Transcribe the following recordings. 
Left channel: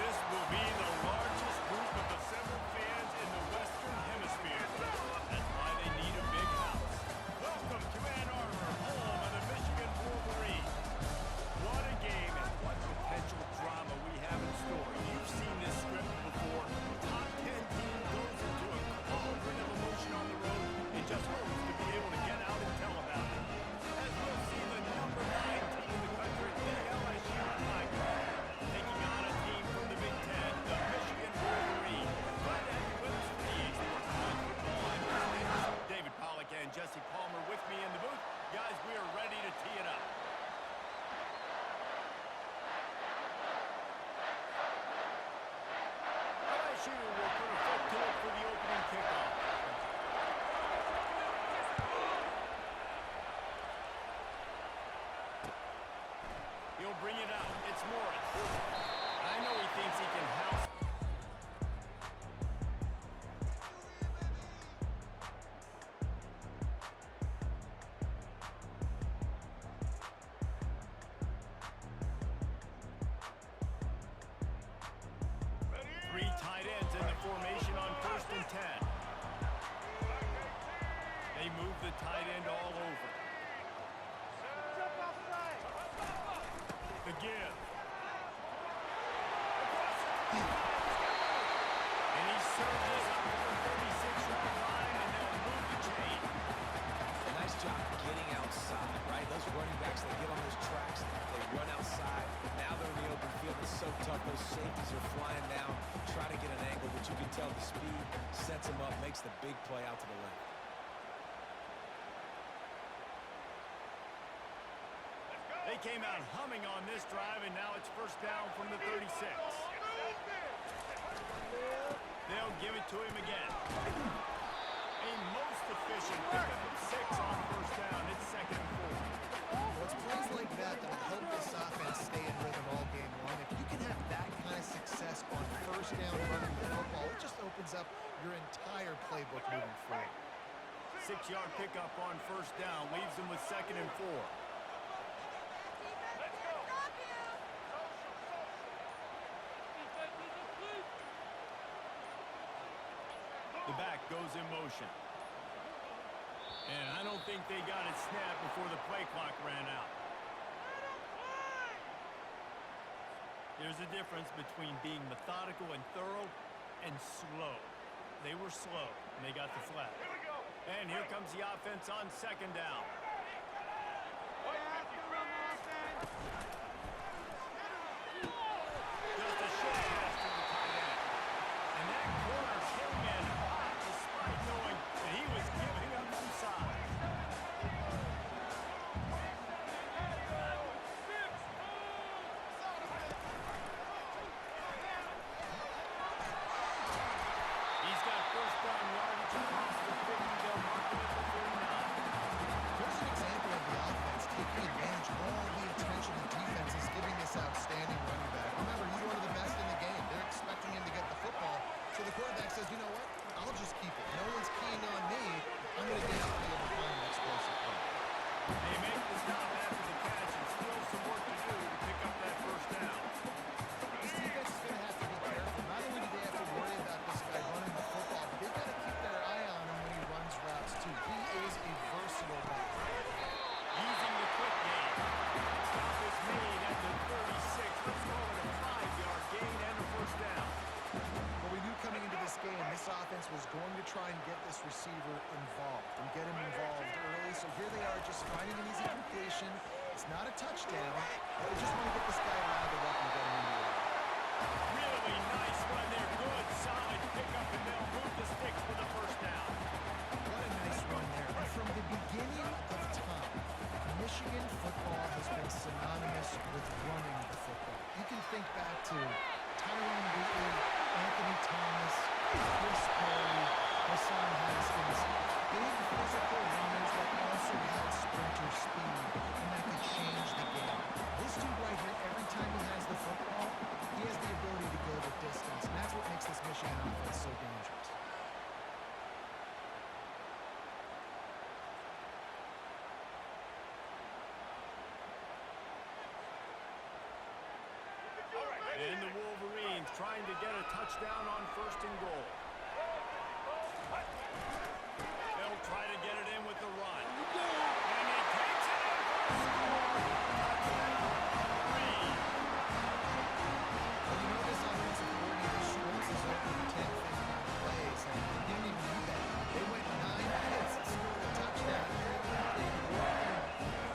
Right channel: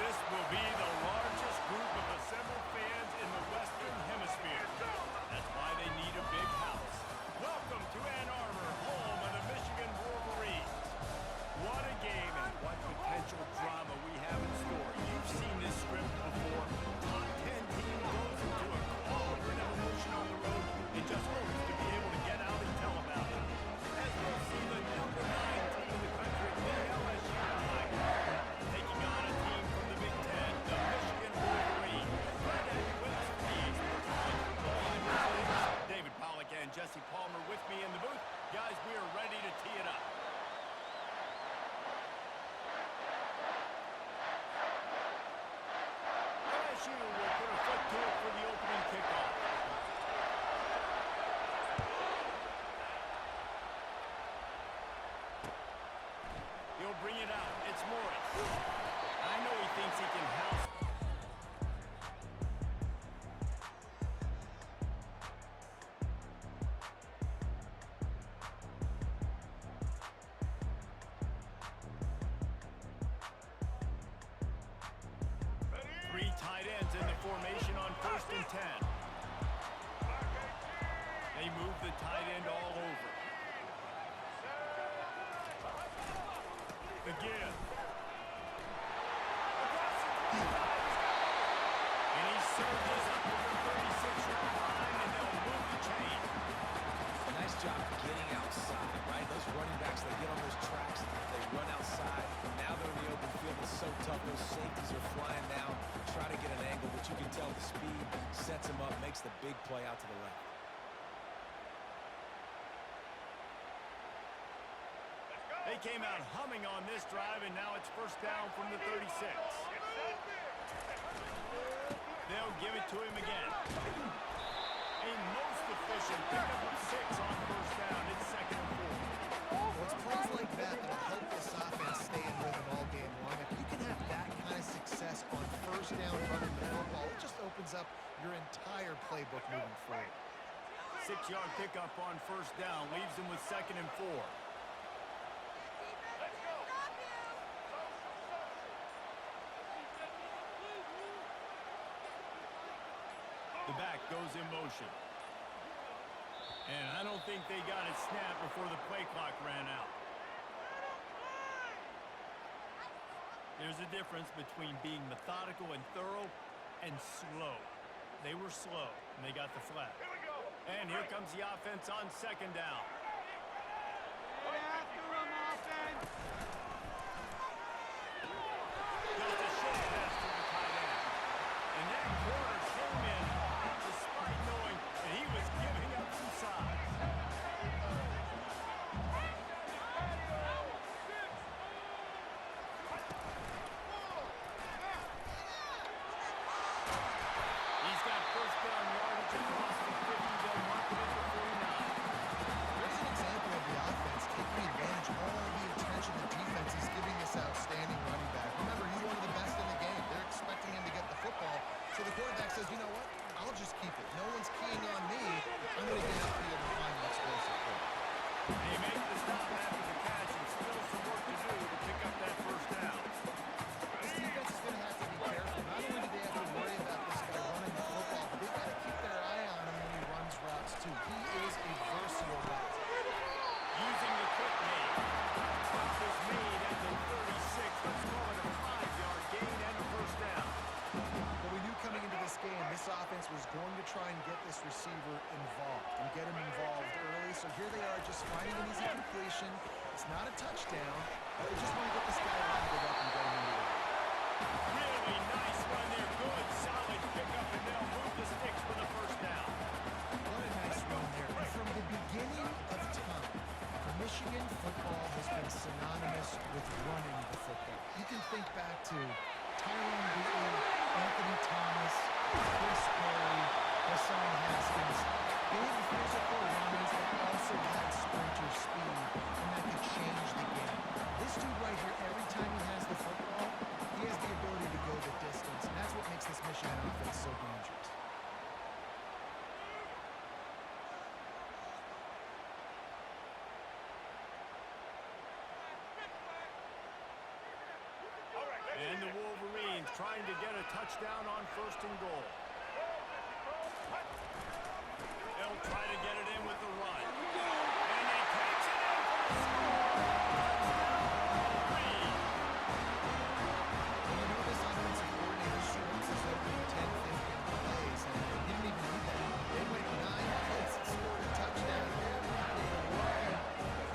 This will be the largest group of assembled fans in the Western Hemisphere. That's why they need a big house. Welcome to Ann Arbor, home of the Michigan Wolverines. What a game and what potential drama we have in store. You've seen this script before. Top 10 team goes into a cauldron of emotion on the road and just hopes to be able to get out and tell about it. As we'll see the number 9 team in the country, the LSU Tigers, taking on a team from the Big Ten, the Michigan Wolverines. Glad to have you with us for the Esports College Football. I'm your host, David Pollack and Jesse Palmer with me in the booth. Guys, we are ready to tee it up. LSU will put a foot to it for the opening kickoff. He'll bring it out. It's Morris. I know he thinks he can house. 3 tight ends in the formation on 1st and 10. They move the tight end all over. The give. Across the 25, he's got it. And he surges up to the 36-yard line, and they'll move the chain. Nice job getting outside, right? Those running backs, they get on those tracks, they run outside. Now they're in the open field. It's so tough. Those safeties are flying down, try to get an angle, but you can tell the speed sets them up, makes the big play out to the left. They came out humming on this drive, and now it's 1st down from the 36. They'll give it to him again. A most efficient pickup of 6 on 1st down. It's 2nd and 4. Well, it's plays like that that'll help this offense stay in rhythm all game long. If you can have that kind of success on 1st down running the football, it just opens up your entire playbook moving forward. 6-yard pickup on 1st down leaves them with 2nd and 4. The back goes in motion. And I don't think they got it snapped before the play clock ran out. There's a difference between being methodical and thorough and slow. They were slow, and they got the flag. And here comes the offense on 2nd down. Just a short pass to the tight end. And that corner came in hot despite knowing that he was giving up some size. He's got 1st down yardage across the 50. They'll mark him at the 49. There's an example of the offense taking advantage of all the attention the defense is giving this outstanding running back. Remember, he's one of the best in the game. They're expecting him to get the football. So the quarterback says, you know what? I'll just keep it. No one's keying on me. I'm going to get upfield and find an explosive play. They make the stop after the catch and still some work to do to pick up that 1st down. This defense is going to have to be careful. Not only do they have to worry about this guy running the football, but they've got to keep their eye on him when he runs routes too. He is a versatile back. Using the quick game. Stop is made at the 36. Let's call it a 5-yard gain and a 1st down. Well, we knew coming into this game, this offense was going to try and get this receiver involved and get him involved early. So here they are just finding an easy completion. It's not a touchdown, but they just want to get this guy lathered up and get him into a run. Really nice run there. Good, solid pickup, and they'll move the sticks for the 1st down. What a nice run there. And from the beginning of time, Michigan football has been synonymous with running the football. You can think back to Tyrone Wheatley, Anthony Thomas, Chris Perry, Hassan Haskins. Big physical runners that also had sprinter speed, and that could change the game. This dude right here, every time he has the football, he has the ability to go the distance, and that's what makes this Michigan offense so dangerous. And the Wolverines Vikings trying to get a touchdown on 1st and goal. They'll try to get it in with the run. And he takes it in for a score. Touchdown, Reed. Well, you know this offensive coordinator scripts is open 10, 15 plays, and he didn't even need that. They went 9 minutes and scored a touchdown. Everything working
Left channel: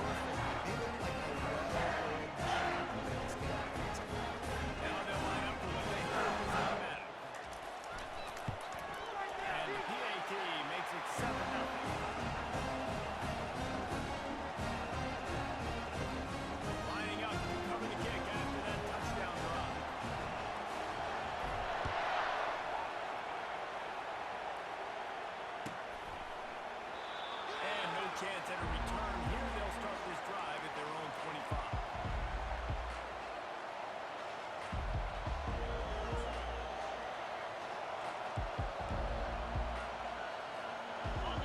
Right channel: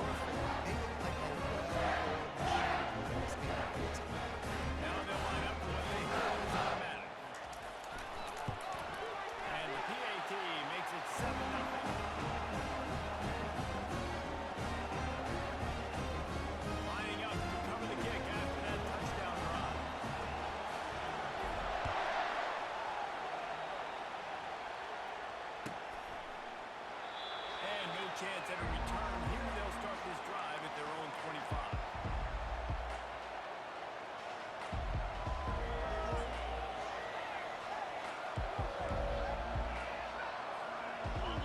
perfectly. They look like a well-oiled machine in this game. Now they'll line up for what they heard was automatic. And the PAT makes it 7-0. Lining up to cover the kick after that touchdown drive. And no chance at a return here. They'll start this drive at their own 25.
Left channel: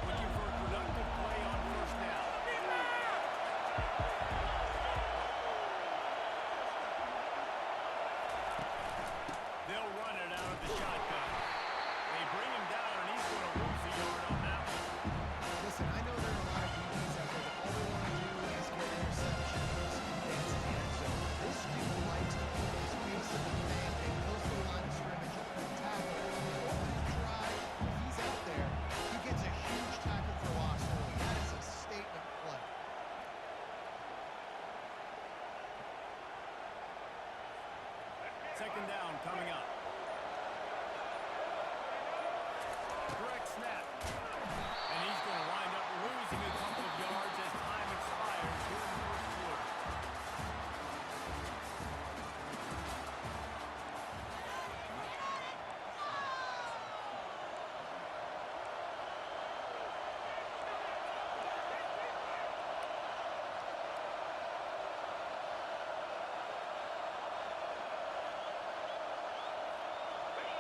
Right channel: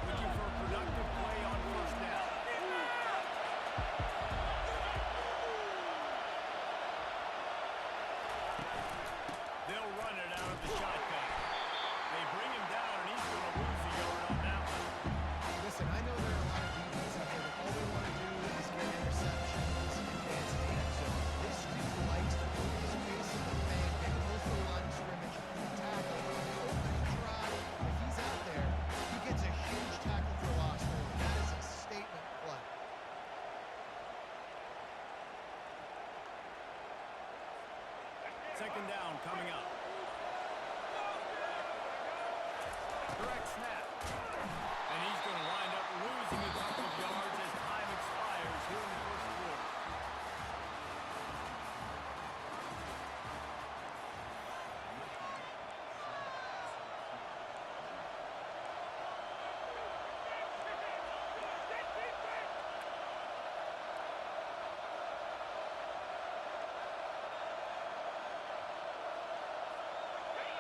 Looking for a productive play on 1st down. They'll run it out of the shotgun. They bring him down, and he's going to lose a yard on that one. Listen, I know there are a lot of DBs out there that all they want to do is get interceptions and dance in the end zone. This dude likes to put his face in the fan, get close to the line of scrimmage, and tackle. On the opening drive, when he's out there, he gets a huge tackle for loss early. That is a statement play. Second down coming up. Direct snap. And he's going to wind up losing a couple of yards as time expires here in the 1st quarter.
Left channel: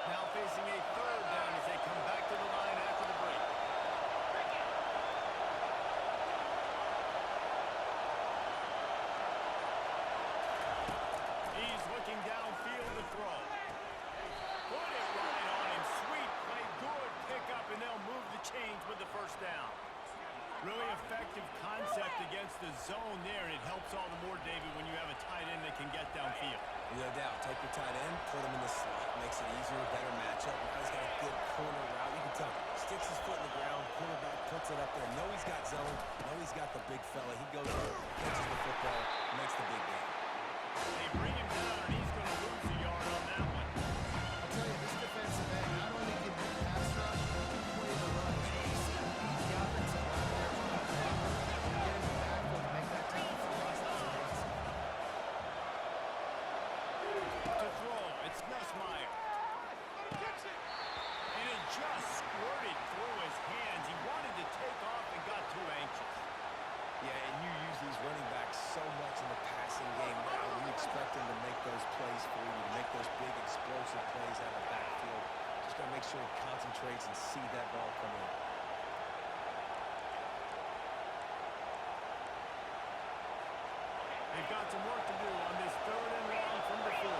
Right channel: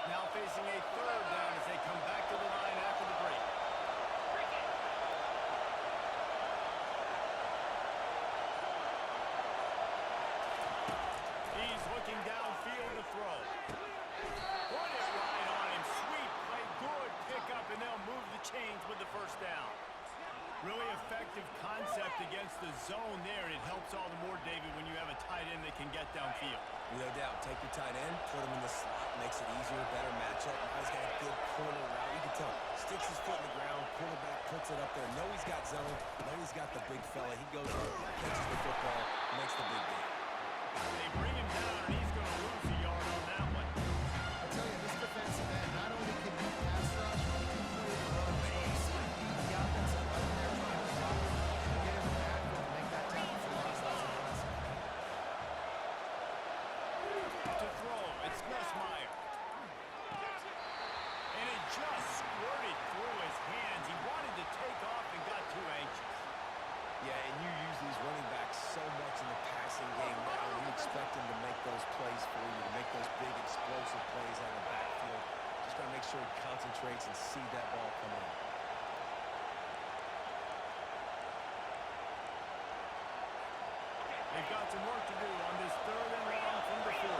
Now facing a 3rd down as they come back to the line after the break. He's looking downfield to throw. Put it right on him. Sweet play, good pickup, and they'll move the chains with the 1st down. Really effective concept against the zone there, and it helps all the more, David, when you have a tight end that can get downfield. No doubt. Take your tight end, put him in the slot, makes it easier, better matchup. Now he's got a good corner route. You can tell, sticks his foot in the ground, quarterback puts it up there. Know he's got zone, know he's got the big fella. He goes up, catches the football, makes the big game. They bring him down, and he's going to lose a yard on that one. I'll tell you, this defensive end not only can he pass rush, but he can play the run as well. You see him beat the offensive line there trying to block him, get him in the backfield and make that tackle for loss. That's impressive. To throw, it's Nussmeier. And it just squirted through his hands. He wanted to take off and got too anxious. Yeah, and you use these running backs so much in the passing game now. You expect them to make those plays for you, to make those big explosive plays out of the backfield. Just got to make sure he concentrates and see that ball come in. They've got some work to do on this 3rd and long from the 40.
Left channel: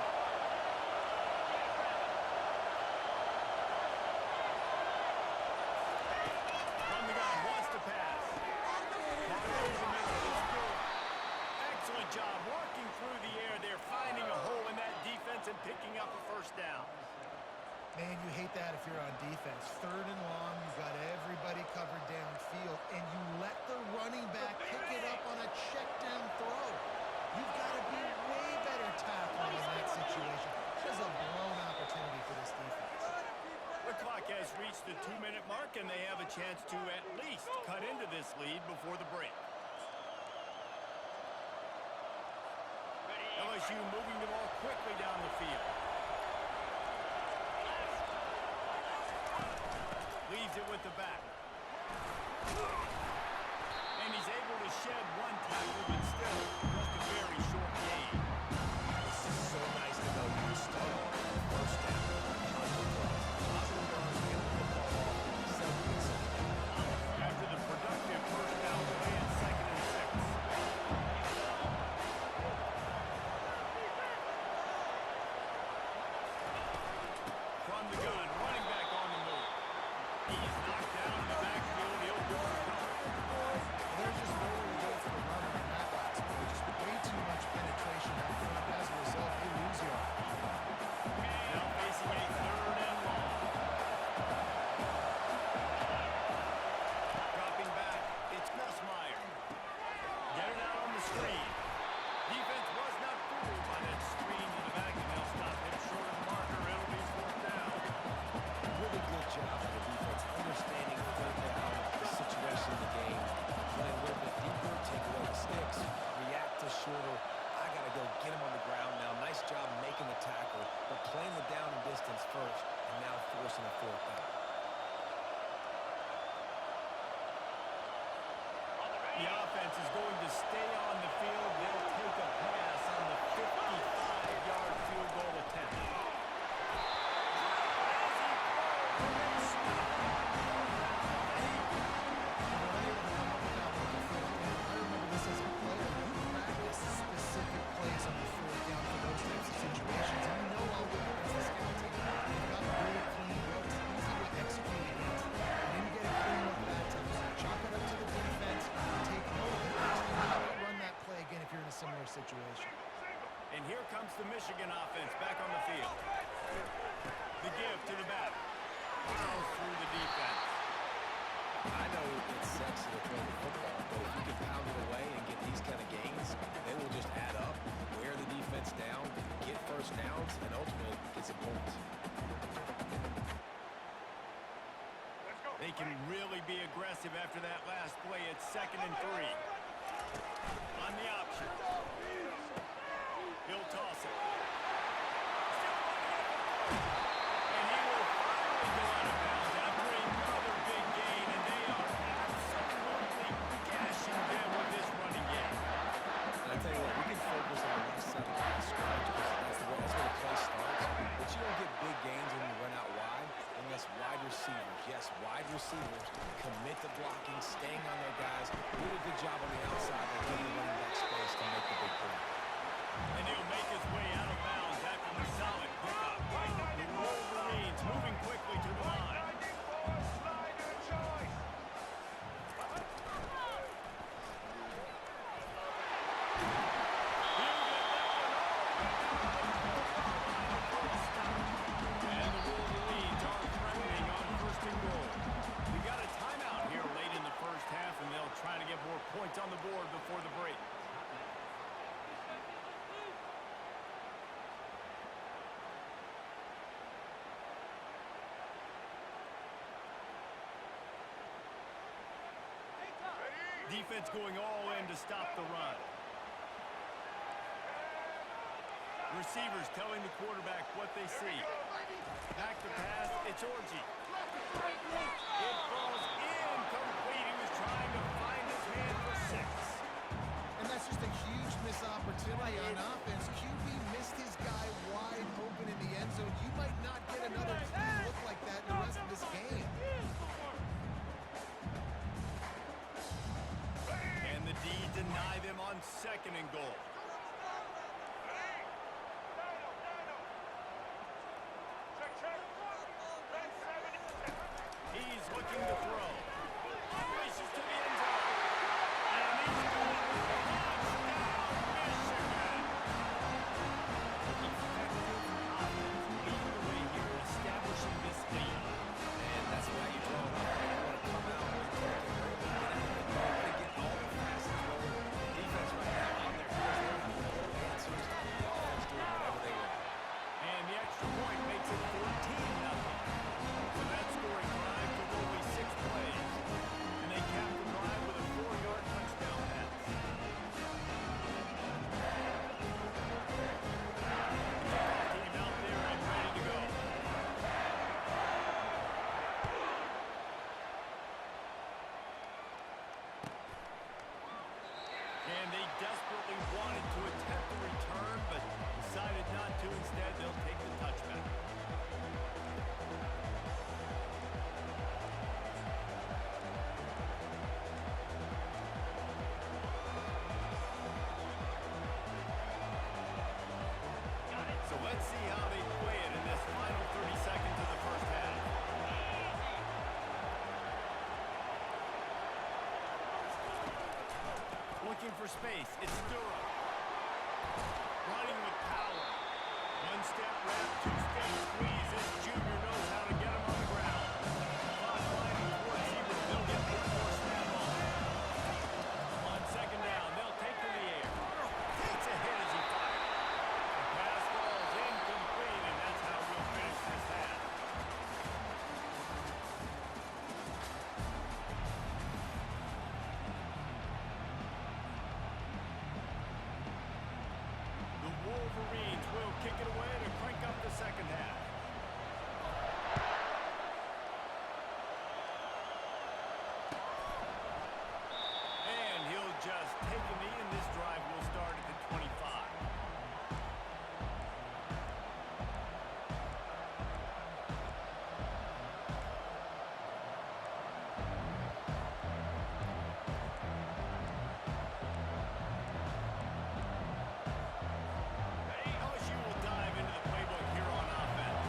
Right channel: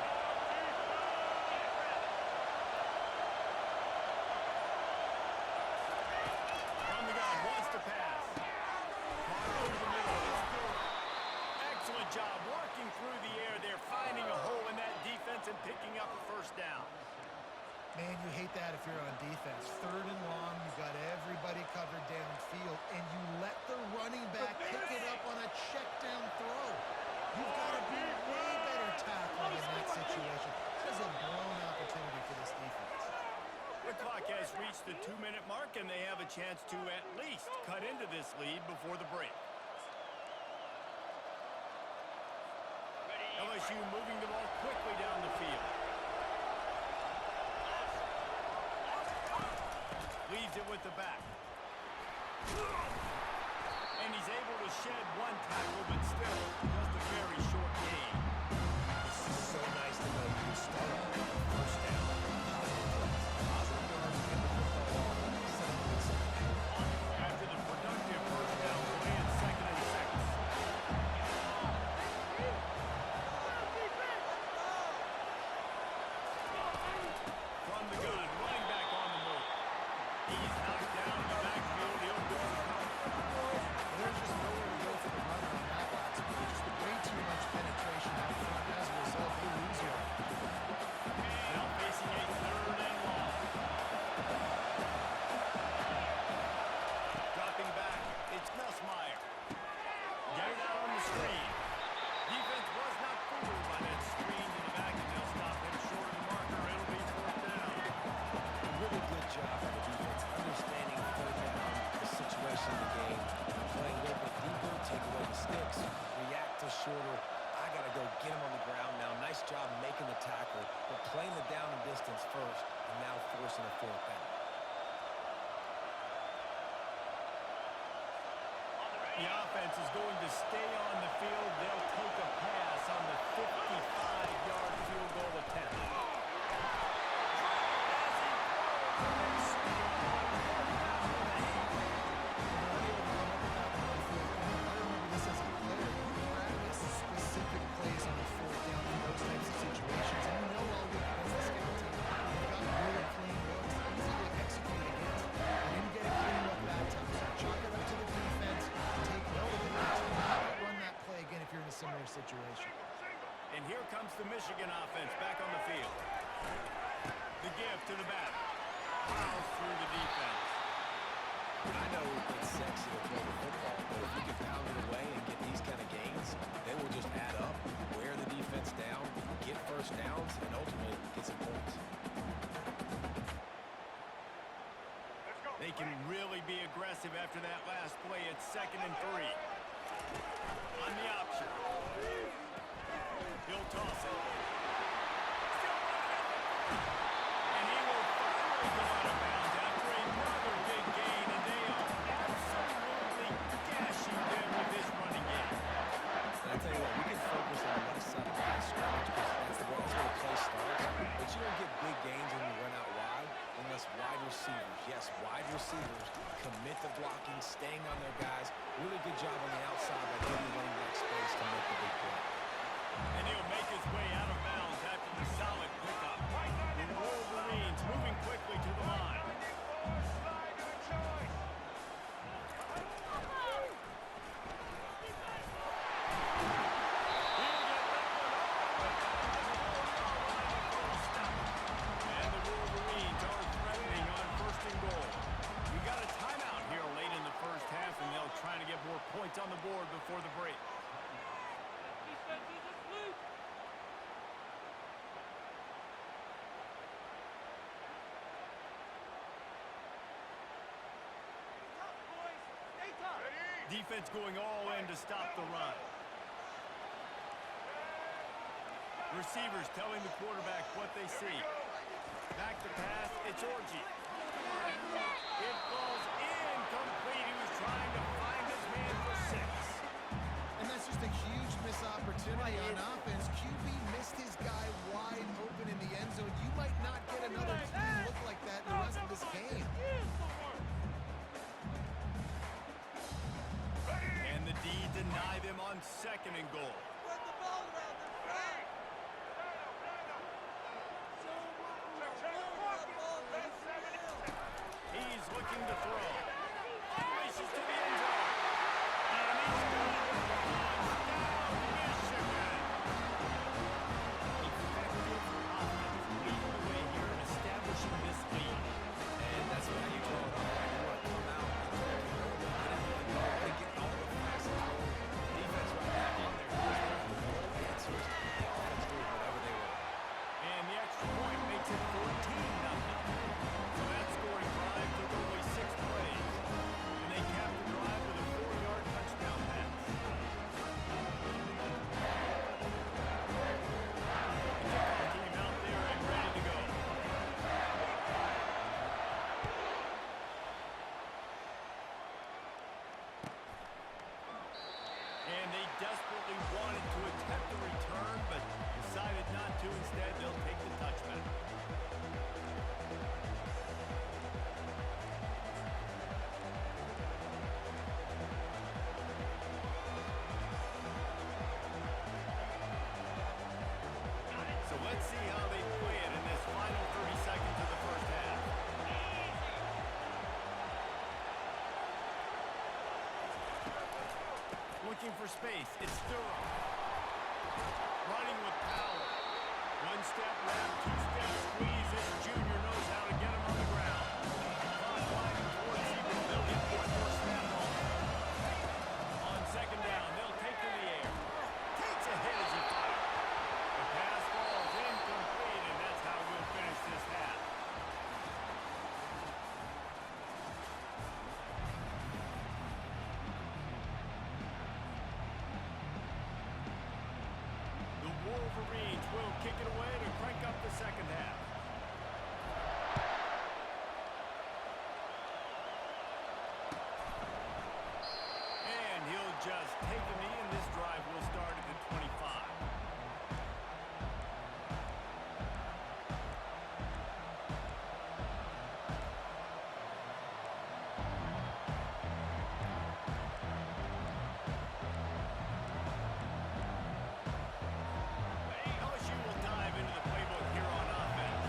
From the gun, wants to pass. Caught over the middle. It's good. Excellent job working through the air there, finding a hole in that defense and picking up a 1st down. Man, you hate that if you're on defense. 3rd and long, you've got everybody covered downfield, and you let the running back pick it up on a check down throw. You've got to be way better tackling in that situation. That is a blown opportunity for this defense. The clock has reached the 2-minute mark, and they have a chance to at least cut into this lead before the break. LSU moving the ball quickly down the field. Leaves it with the back. And he's able to shed one tackle, but still just a very short gain. It's just so nice to know you can start off on 1st down. Positive plays. Positive yards, get the football off, set up a good 2nd down. After the productive 1st down play at 2nd and 6. from the gun, running back on the move. He's knocked down in the backfield. He'll lose a couple. There's just nowhere to go for the runner on that last play. Just way too much penetration up front. As a result, they lose yardage. Now facing a 3rd and long. Dropping back, it's Nussmeier. Get it out on the screen. Defense was not fooled by that screen to the back, and they'll stop him short of the marker. It'll be 4th down. Really good job by the defense, understanding 3rd down, the situation in the game, playing a little bit deeper, take away the sticks, react to shorter. I got to go get him on the ground now. Nice job making the tackle, but playing the down and distance first, and now forcing a 4th down. The offense is going to stay on the field. They'll take a pass on the 55-yard field goal attempt. As he throws, and they stop him on 4th down with the heat. They're unable to come up with that one on 4th down. I remember this as a player. You practice specific plays on 4th down for those types of situations, and you know all week against the scout team. They've got really clean looks, easy to execute against. They didn't get a clean look that time, so chalk it up to the defense. Take note of it. Not run that play again if you're in a similar situation. And here comes the Michigan offense back on the field. The give to the back. Plows through the defense. I know it's sexy to throw the football, but if you can pound it away and get these kind of gains, they will just add up, wear the defense down, get 1st downs, and ultimately get some points. They can really be aggressive after that last play. It's 2nd and 3. On the option. He'll toss it. Still running at the 40. And he will finally go out of bounds after another big gain. And they are absolutely gashing them with this running game. And I tell you what, we can focus on the left side of the line of scrimmage because that's where the play starts. But you don't get big gains when you run out wide unless wide receivers, yes, wide receivers, commit to blocking, staying on their guys. Really good job on the outside by giving the running back space to make the big play. And he'll make his way out of bounds after the solid pickup. The Wolverines moving quickly to the line. He'll get that one all the way down to the 4-yard line before a stop. And the Wolverines are threatening on 1st and goal. We got a timeout here late in the 1st half, and they'll try to get more points on the board before the break. Defense going all in to stop the run. Receivers telling the quarterback what they see. Back to pass, it's Orji. It falls incomplete. He was trying to find his man for 6. And that's just a huge missed opportunity on offense. QB missed his guy wide open in the end zone. You might not get another clean look like that in the rest of this game. And the D deny them on 2nd and goal. He's looking to throw. Races to the end zone. And he's got it. Touchdown, Michigan. Effective offense leading the way here in establishing this lead. And that's why you draw it up, right? You want to come out and take it early, get everything going, want to get all the passes rolling. The defense right now on their heels, they have no answers. The offense doing whatever they want. And the extra point makes it 14-0. So that scoring drive took only 6 plays. And they capped the drive with a 4-yard touchdown pass. The kickoff team out there and ready to go. And they desperately wanted to attempt the return, but decided not to. Instead, they'll take the touchback. So let's see how they play it in this final 30 seconds of the looking for space. It's Durham. Running with power. One step wrap, two-step squeeze. This junior knows how to get him on the ground. Clock winding towards Seaver. They'll get one more snap off. On second down, they'll take to the air. Takes a hit as he fires. The pass falls incomplete, and that's how we'll finish this half. The Wolverines will kick it away to crank up the second half. And he'll just take a knee, and this drive will start at the 25. LSU will dive into the playbook here on offense.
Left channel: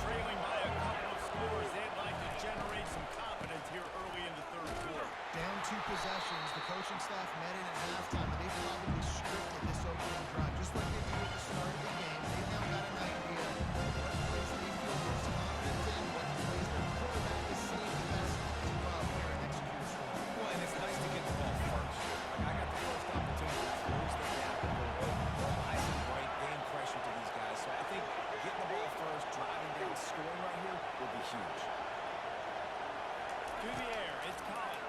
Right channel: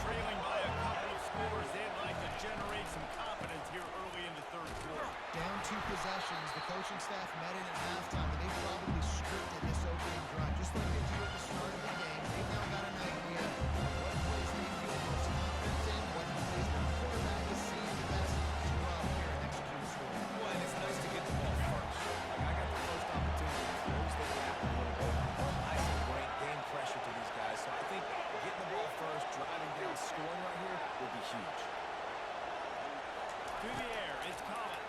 Trailing by a couple of scores, they'd like to generate some confidence here early in the third quarter. Down 2 possessions, the coaching staff met in at halftime, and they've probably scripted this opening drive, just like they do at the start of the game. They've now got an idea of what plays they feel most confident in, what plays their quarterback is seeing the best to go out here and execute a score. Well, and it's nice to get the ball first. Like, I got the first opportunity to close the gap a little bit, apply some great game pressure to these guys. So I think getting the ball first, driving down, scoring right here will be huge. To the air, it's Collins.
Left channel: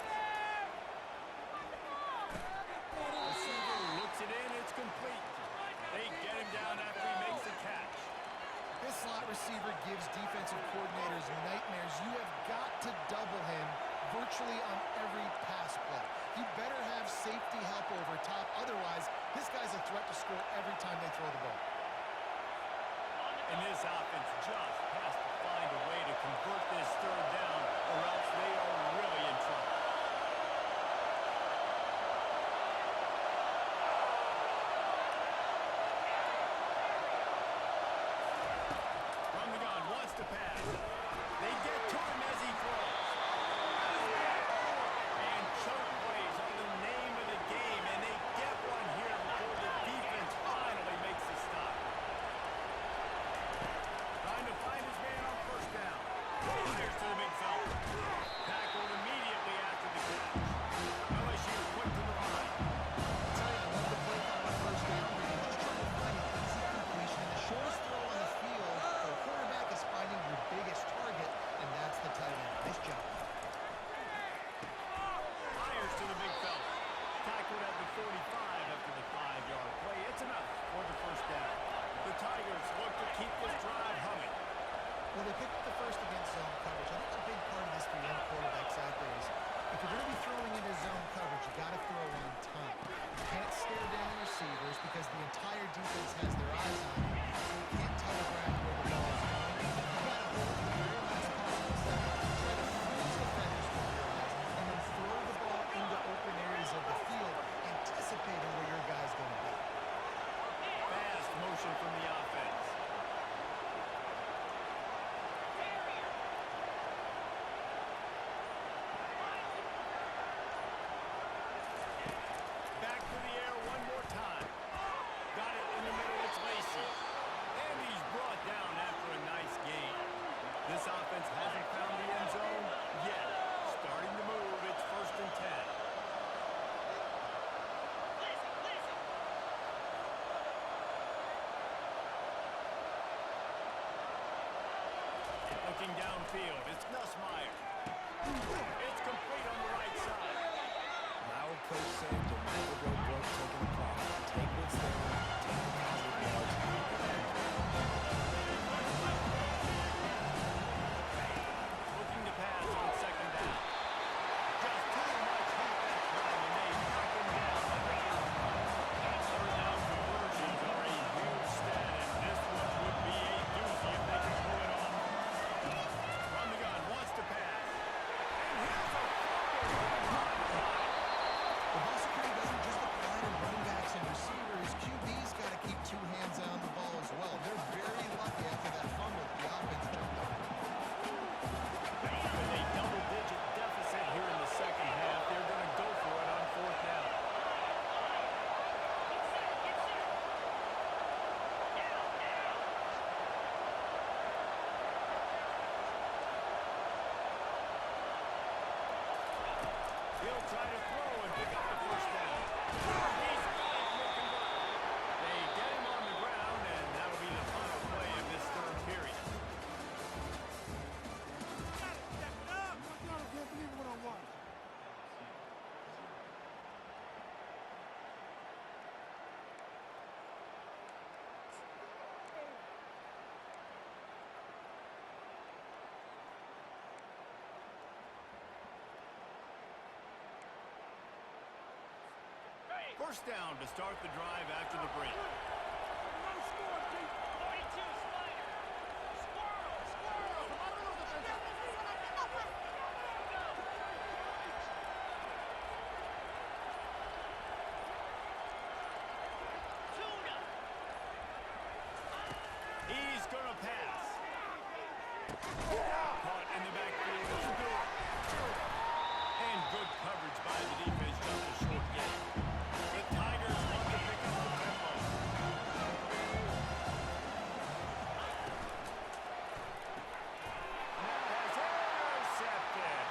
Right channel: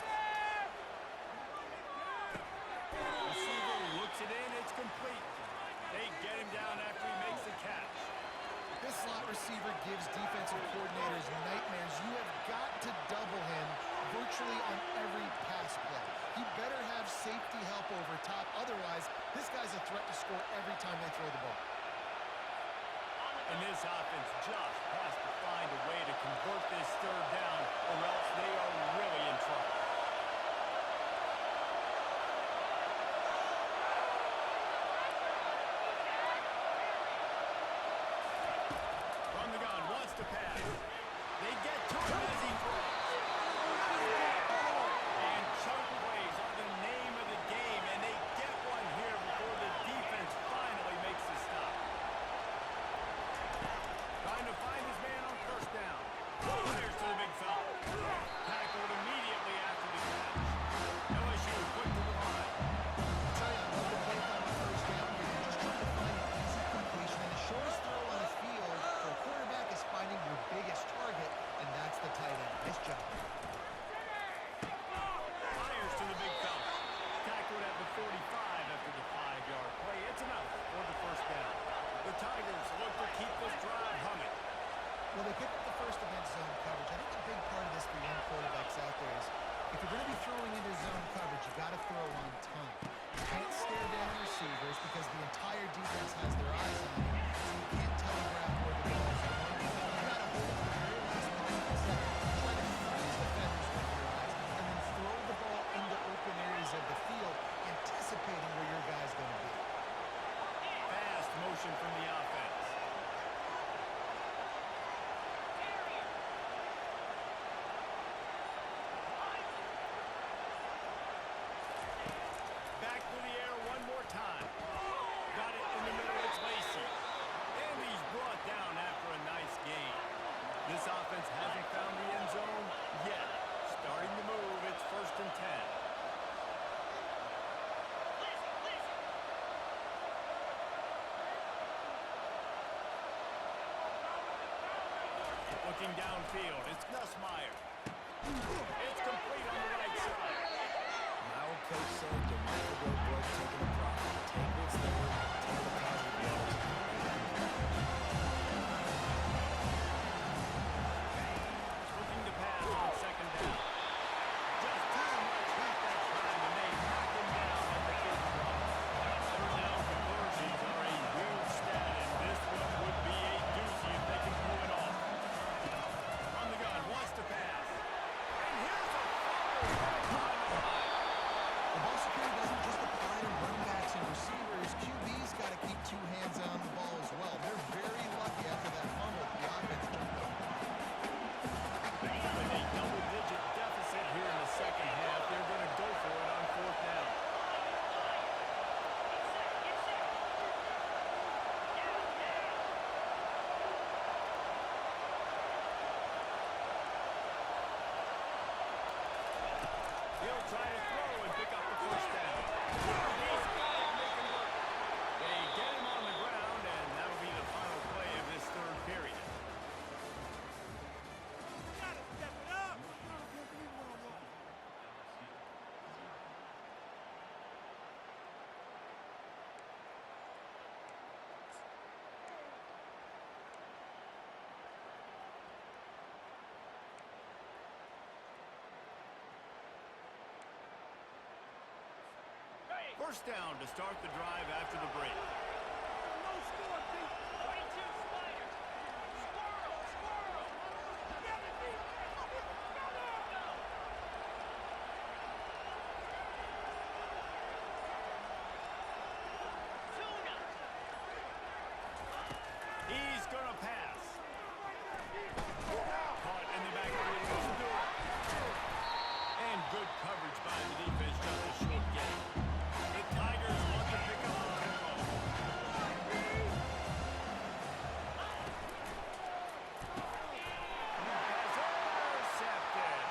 Receiver looks it in, it's complete. They get him down after he makes the catch. This slot receiver gives defensive coordinators nightmares. You have got to double him virtually on every pass play. He better have safety help over top. Otherwise, this guy's a threat to score every time they throw the ball. And this offense just has to find a way to convert this third down, or else they are really in trouble. From the gun, wants to pass. They get to him as he throws. And choke plays are the name of the game, and they get one here before the defense finally makes the stop. Trying to find his man on first down. Fires to the big fella. Tackled immediately after the catch. LSU quick to the line. I tell you, I love the play call on first down here. You're just trying to find an easy completion, and the shortest throw on the field for a quarterback is finding your biggest target, and that's the tight end. Nice job. Fires to the big fella. Tackled at the 45 after the 5-yard play. It's enough for the first down. The Tigers look to keep this drive humming. Well, they picked up the first against zone coverage. I think a big part of this for young quarterbacks out there is if you're going to be throwing into zone coverage, you got to throw on time. You can't stare down receivers because the entire defense has their eyes on you, so you can't telegraph where the ball is going. You got to hold to the very last possible second, try to freeze defenders with your eyes, and then throw the ball into open areas of the field, anticipating where your guy's going to be. Fast motion from the offense. Back to the air one more time. Got it in the middle, it's Lacey. And he's brought down after a nice gain. This offense hasn't found the end zone yet. Starting to move, it's 1st and 10. Looking downfield, it's Nussmeier. It's complete on the right side. My old coach said, "Don't never go broke taking a profit. Take what's there, take the positive yards, and Looking to pass on second down. Just too much heat that time, and they knock him down at the 31. Third down conversions are a huge stat, and this one would be a doozy if they can pull it off. From the gun, wants to pass. And here's a fumble right behind the line. The ball security doesn't just apply to running backs and receivers. QB's got to keep 2 hands on the ball as well. They're very lucky try to throw and pick up the first down. He's got it, making work. They get him on the ground, and that'll be the final play of this third period. Gotta step it up! I can't believe what I want. First down to start the drive after the break. No score, Pete. 42, Spider. Squirrel, squirrel. Go. Tuna. He's going to pass. Caught in the backfield of Stewart. And good coverage by the defense, just a short gain. The Tigers want to pick up the tempo. Pass intercepted.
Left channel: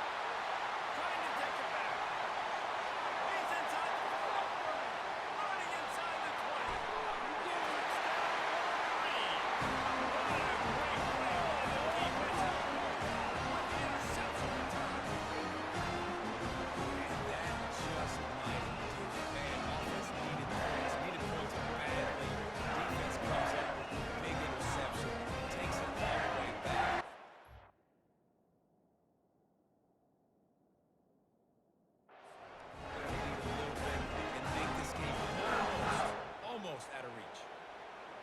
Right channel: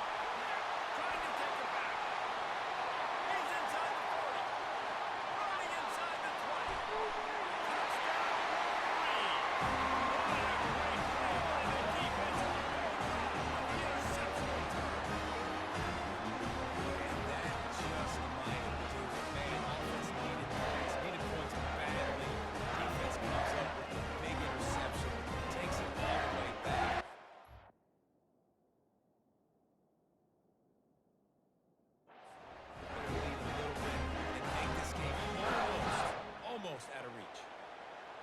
Trying to take it back. He's inside the 40. Running inside the 20. Touchdown, Wolverine. What a great play by the defense. With the interception return. And that just might do it. Man, offense needed points badly. Defense comes up with the big interception, takes it all the way back. Better lead a little bit and make this game almost out of reach.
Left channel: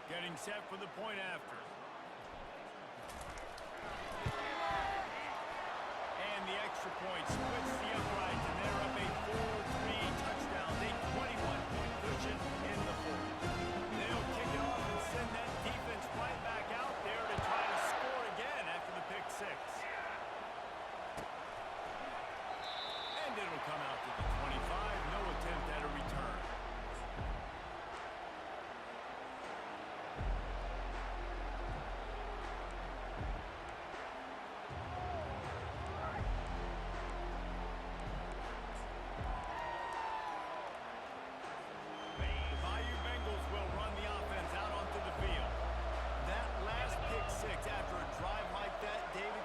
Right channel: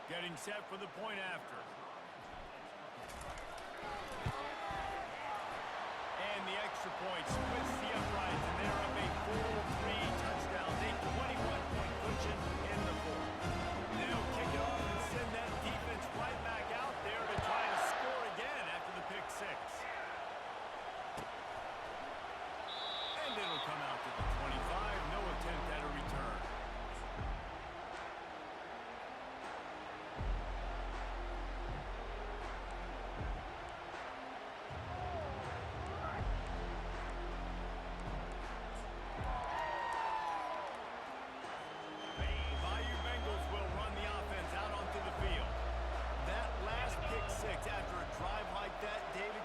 Getting set for the point after. And the extra point splits the uprights, and they're up a full 3 touchdowns, a 21-point cushion in the fourth. They'll kick it off and send that defense right back out there to try to score again after the pick six. And it'll come out to the 25, no attempt at a return.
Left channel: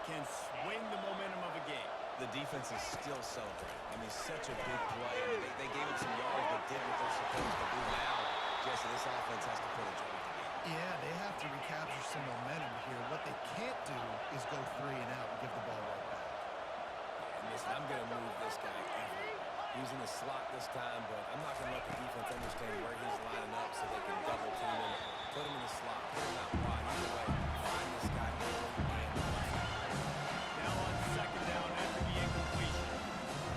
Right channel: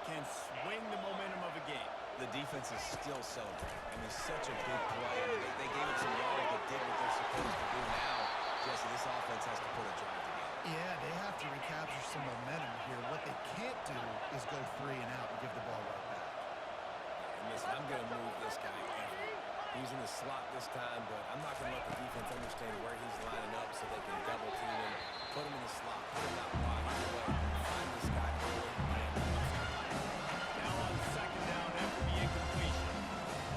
Can swing the momentum of a game. The defense is still celebrating. I mean, such a big play. I mean, they gave him some yards, but did what they're supposed to do. Now, Jesse, this offense has to put a drive together. Yeah, they have to recapture some momentum here. What they can't do is go 3 and out and give the ball right back. Yeah, and listen, I'm going to move this guy ever. He's in the slot this time, but I'm not going to let the defense understand where he's lining up so they can double team him, put him in the slot, put him out wide. Either way, find this guy early and now on second down after the incompletion.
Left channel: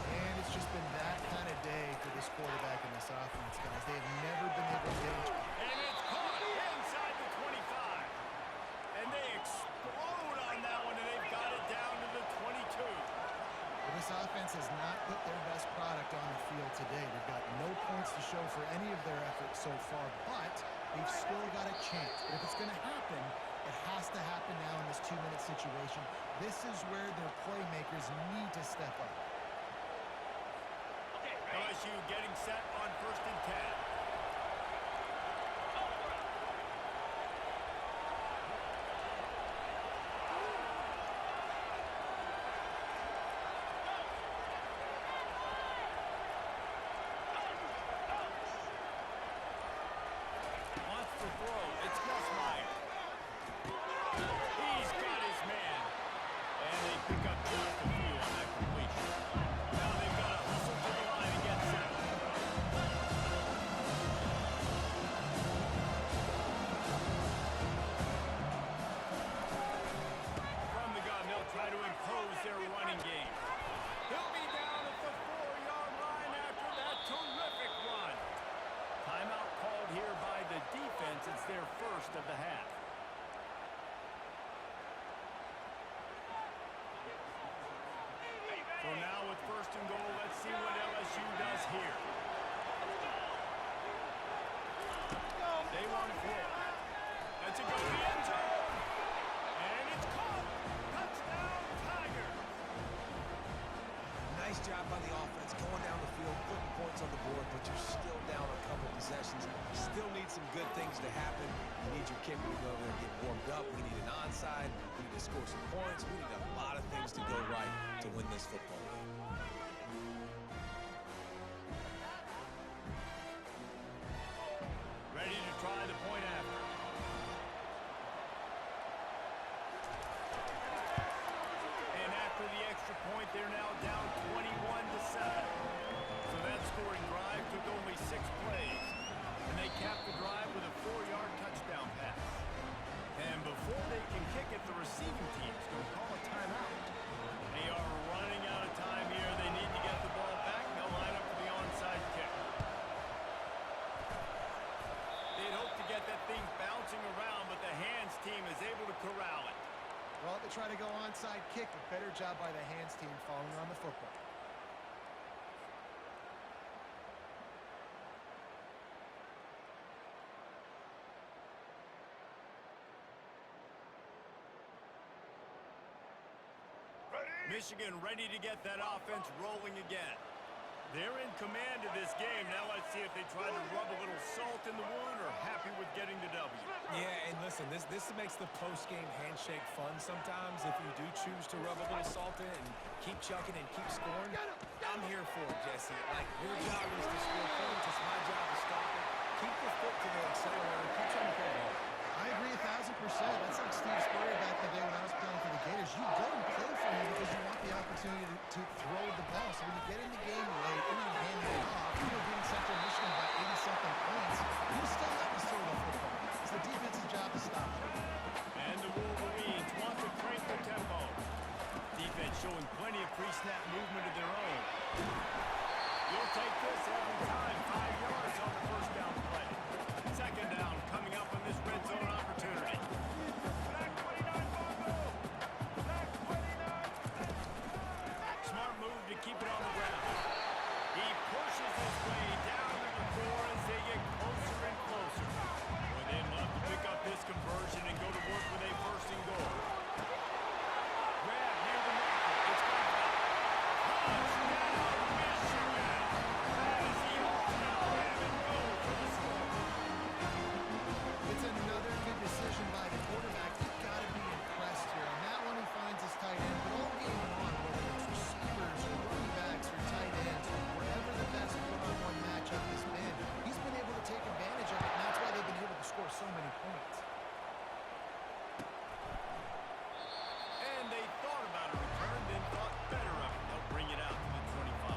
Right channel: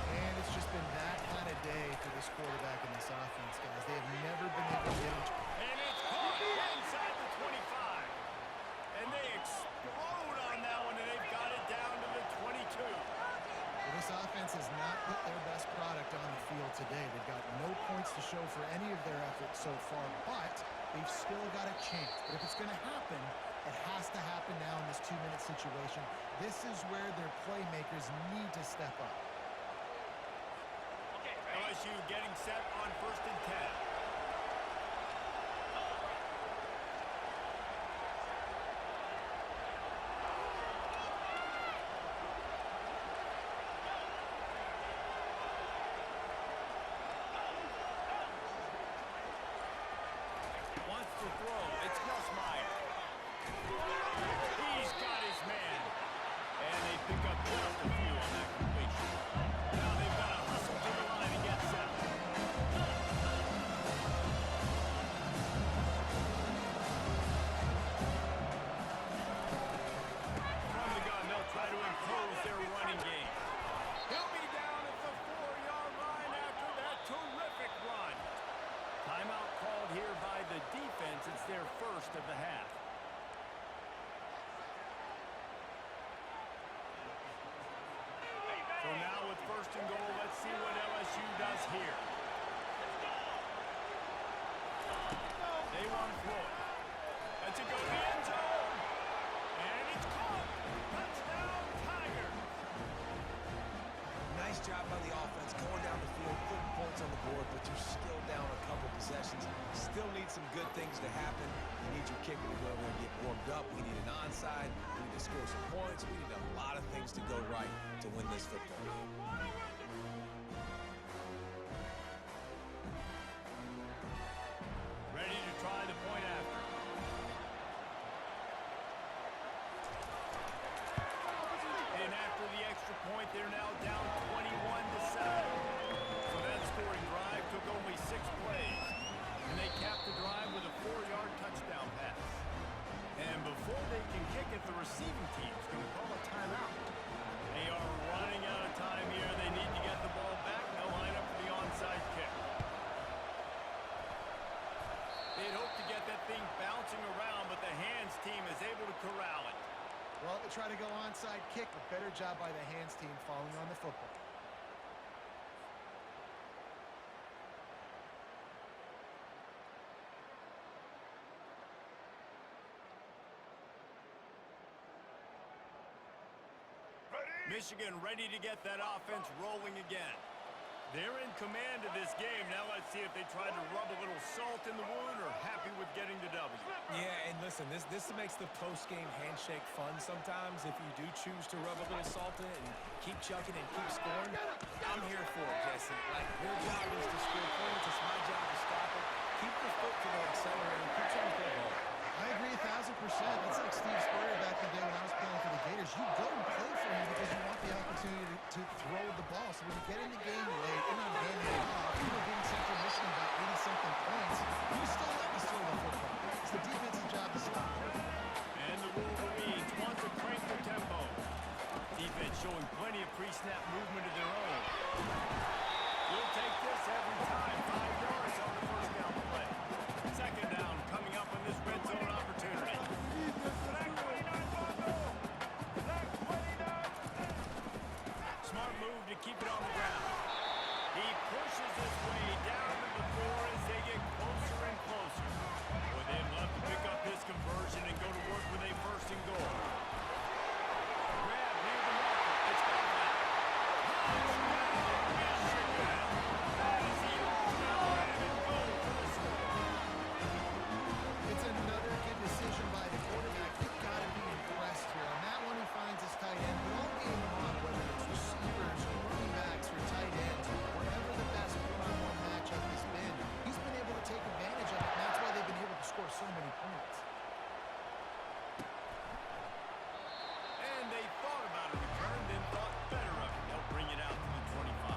And it's just been that kind of day for this quarterback and this offense, guys. They have never been able to get him. And it's caught inside the 25. And they explode on that one, and they've got it down to the 22. Well, this offense has not put their best product on the field today. They've got no points to show for any of their efforts so far, but they've still got a chance. But if it's going to happen, it has to happen now in this 2-minute situation. This is where their playmakers need to step up. Okay, ready? LSU getting set on 1st and 10. Cobra. Wants to throw. It's Nussmeier. He's got his man. And they pick up just a few on that completion. Now they've got to hustle to the line and get set. From the gun, they'll try to impose their running game. He'll be down at the 4-yard line after that terrific run. Timeout called here by the defense. It's their first of the half. So now with 1st and goal, let's see what LSU does here. They want to throw it. That's a go to the end zone. And it's caught. Touchdown, Tigers. nice job by the offense, going down the field, putting points on the board, but you're still down a couple possessions. Still need some good things to happen. You need your kicker to go over there and get warmed up. We need an onside. We need to score some points. We need a lot of things to go right to win this football game. Ready to try the point after. And after the extra point, they're now down 21-7. So that scoring drive took only 6 plays. And they capped the drive with a 4-yard touchdown pass. And before they can kick it, the receiving team's going to call a timeout. They are running out of time here. They need to get the ball back. They'll line up for the onside kick. They'd hope to get that thing bouncing around, but the hands team is able to corral it. Well, they try to go onside kick, but better job by the hands team falling on the football. Michigan ready to get that offense rolling again. They're in command of this game. Now let's see if they try to rub a little salt in the wound or happy with getting the W. Yeah, and listen, this makes the post-game handshake fun sometimes if you do choose to rub a little salt in it and keep chucking and keep scoring. I'm here for it, Jesse. Like, your job is to score points. It's my job to stop it. Keep the foot to the accelerator. Keep trying to play ball. I agree 1,000%. That's like Steve Spurrier back in the day when I was playing for the Gators. You go and play for him because you want the opportunity to throw the ball. So when you get in the game late, you're not handing it off. You were beating Central Michigan by 80-something points. You still let us throw the football. It's the defense's job to stop it. And the Wolverines want to crank the tempo. Defense showing plenty of pre-snap movement of their own. You'll take this every time. 5 yards on the first down play. Second down coming up on this red zone opportunity. Black 29 Bongo! Black 29! Smart move to keep it on the ground. He pushes his way down to the floor as they get closer and closer. Boy, they'd love to pick up this conversion and go to work with a first and goal. Grab near the marker. It's gone back. Touchdown, Michigan! That is the ultimate grab and go for the score. It's another good decision by the quarterback. You've got to be impressed here. On that one, he finds his tight end, but all game long, whether it's receivers or running backs or tight ends, wherever the best one-on-one matchup has been, he's been able to take advantage of it, and that's why they've been able to score so many points. And they thought about a return, then thought better of it. They'll bring it out to the 25.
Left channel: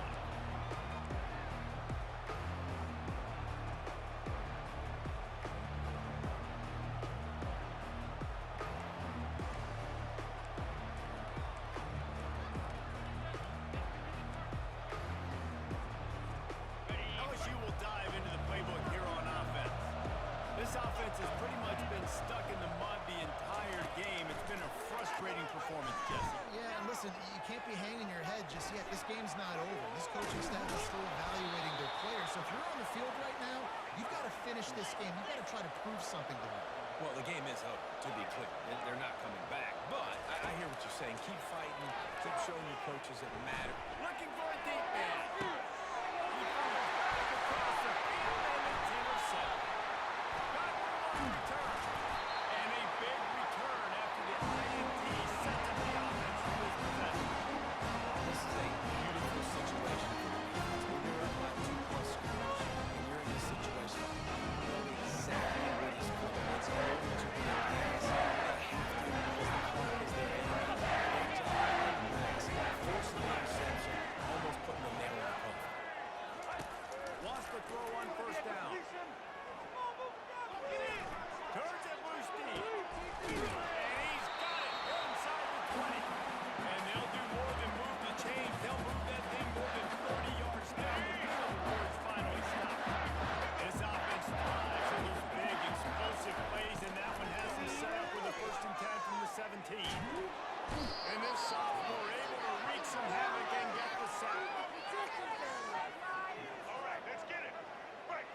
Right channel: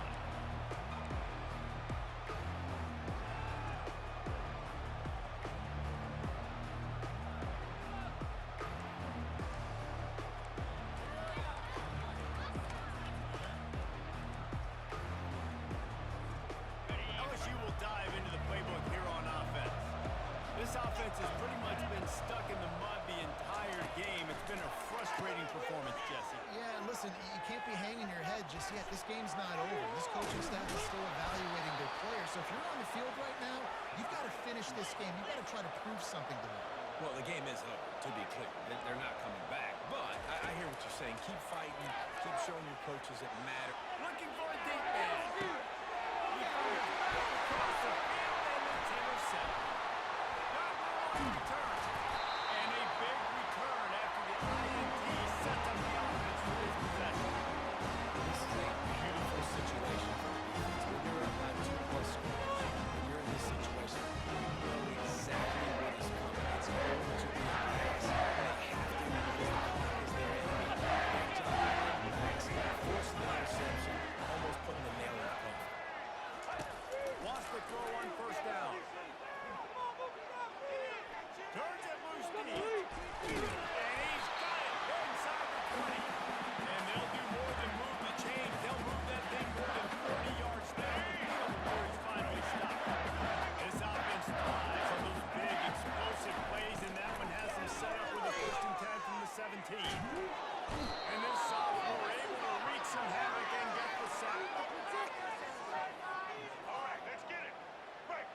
LSU will dive into the playbook here on offense. This offense has pretty much been stuck in the mud the entire game. It's been a frustrating performance, Jesse. Yeah, and listen, you can't be hanging your head just yet. This game's not over. This coaching staff is still evaluating their players. So if you're on the field right now, you've got to finish this game. You've got to try to prove something to them. Well, the game is over, to be clear. They're not coming back. But I hear what you're saying. Keep fighting. Keep showing your coaches it matters. Looking for a deep man. He throws back across the field and it's intercepted. Got room on the return. And a big return after the INT sets up the offense for this possession. This is a beautiful situation for the defense. When you're up by 2+ scores and you're in this situation, you know exactly what is coming. It's going to be a pass. They have to because the clock is their enemy. Great job on the pass, forcing the interception, almost putting the nail in the coffin. Wants to throw on first down. Turns it loose deep. And he's got it inside the 20. And they'll do more than move the chains. They'll move that thing more than 30 yards down the field before it's finally stopped. This offense thrives on those big, explosive plays, and that one has them set up with a 1st and 10 from the 17. And this sophomore able to wreak some havoc and get the sack. All right, let's get it. Right.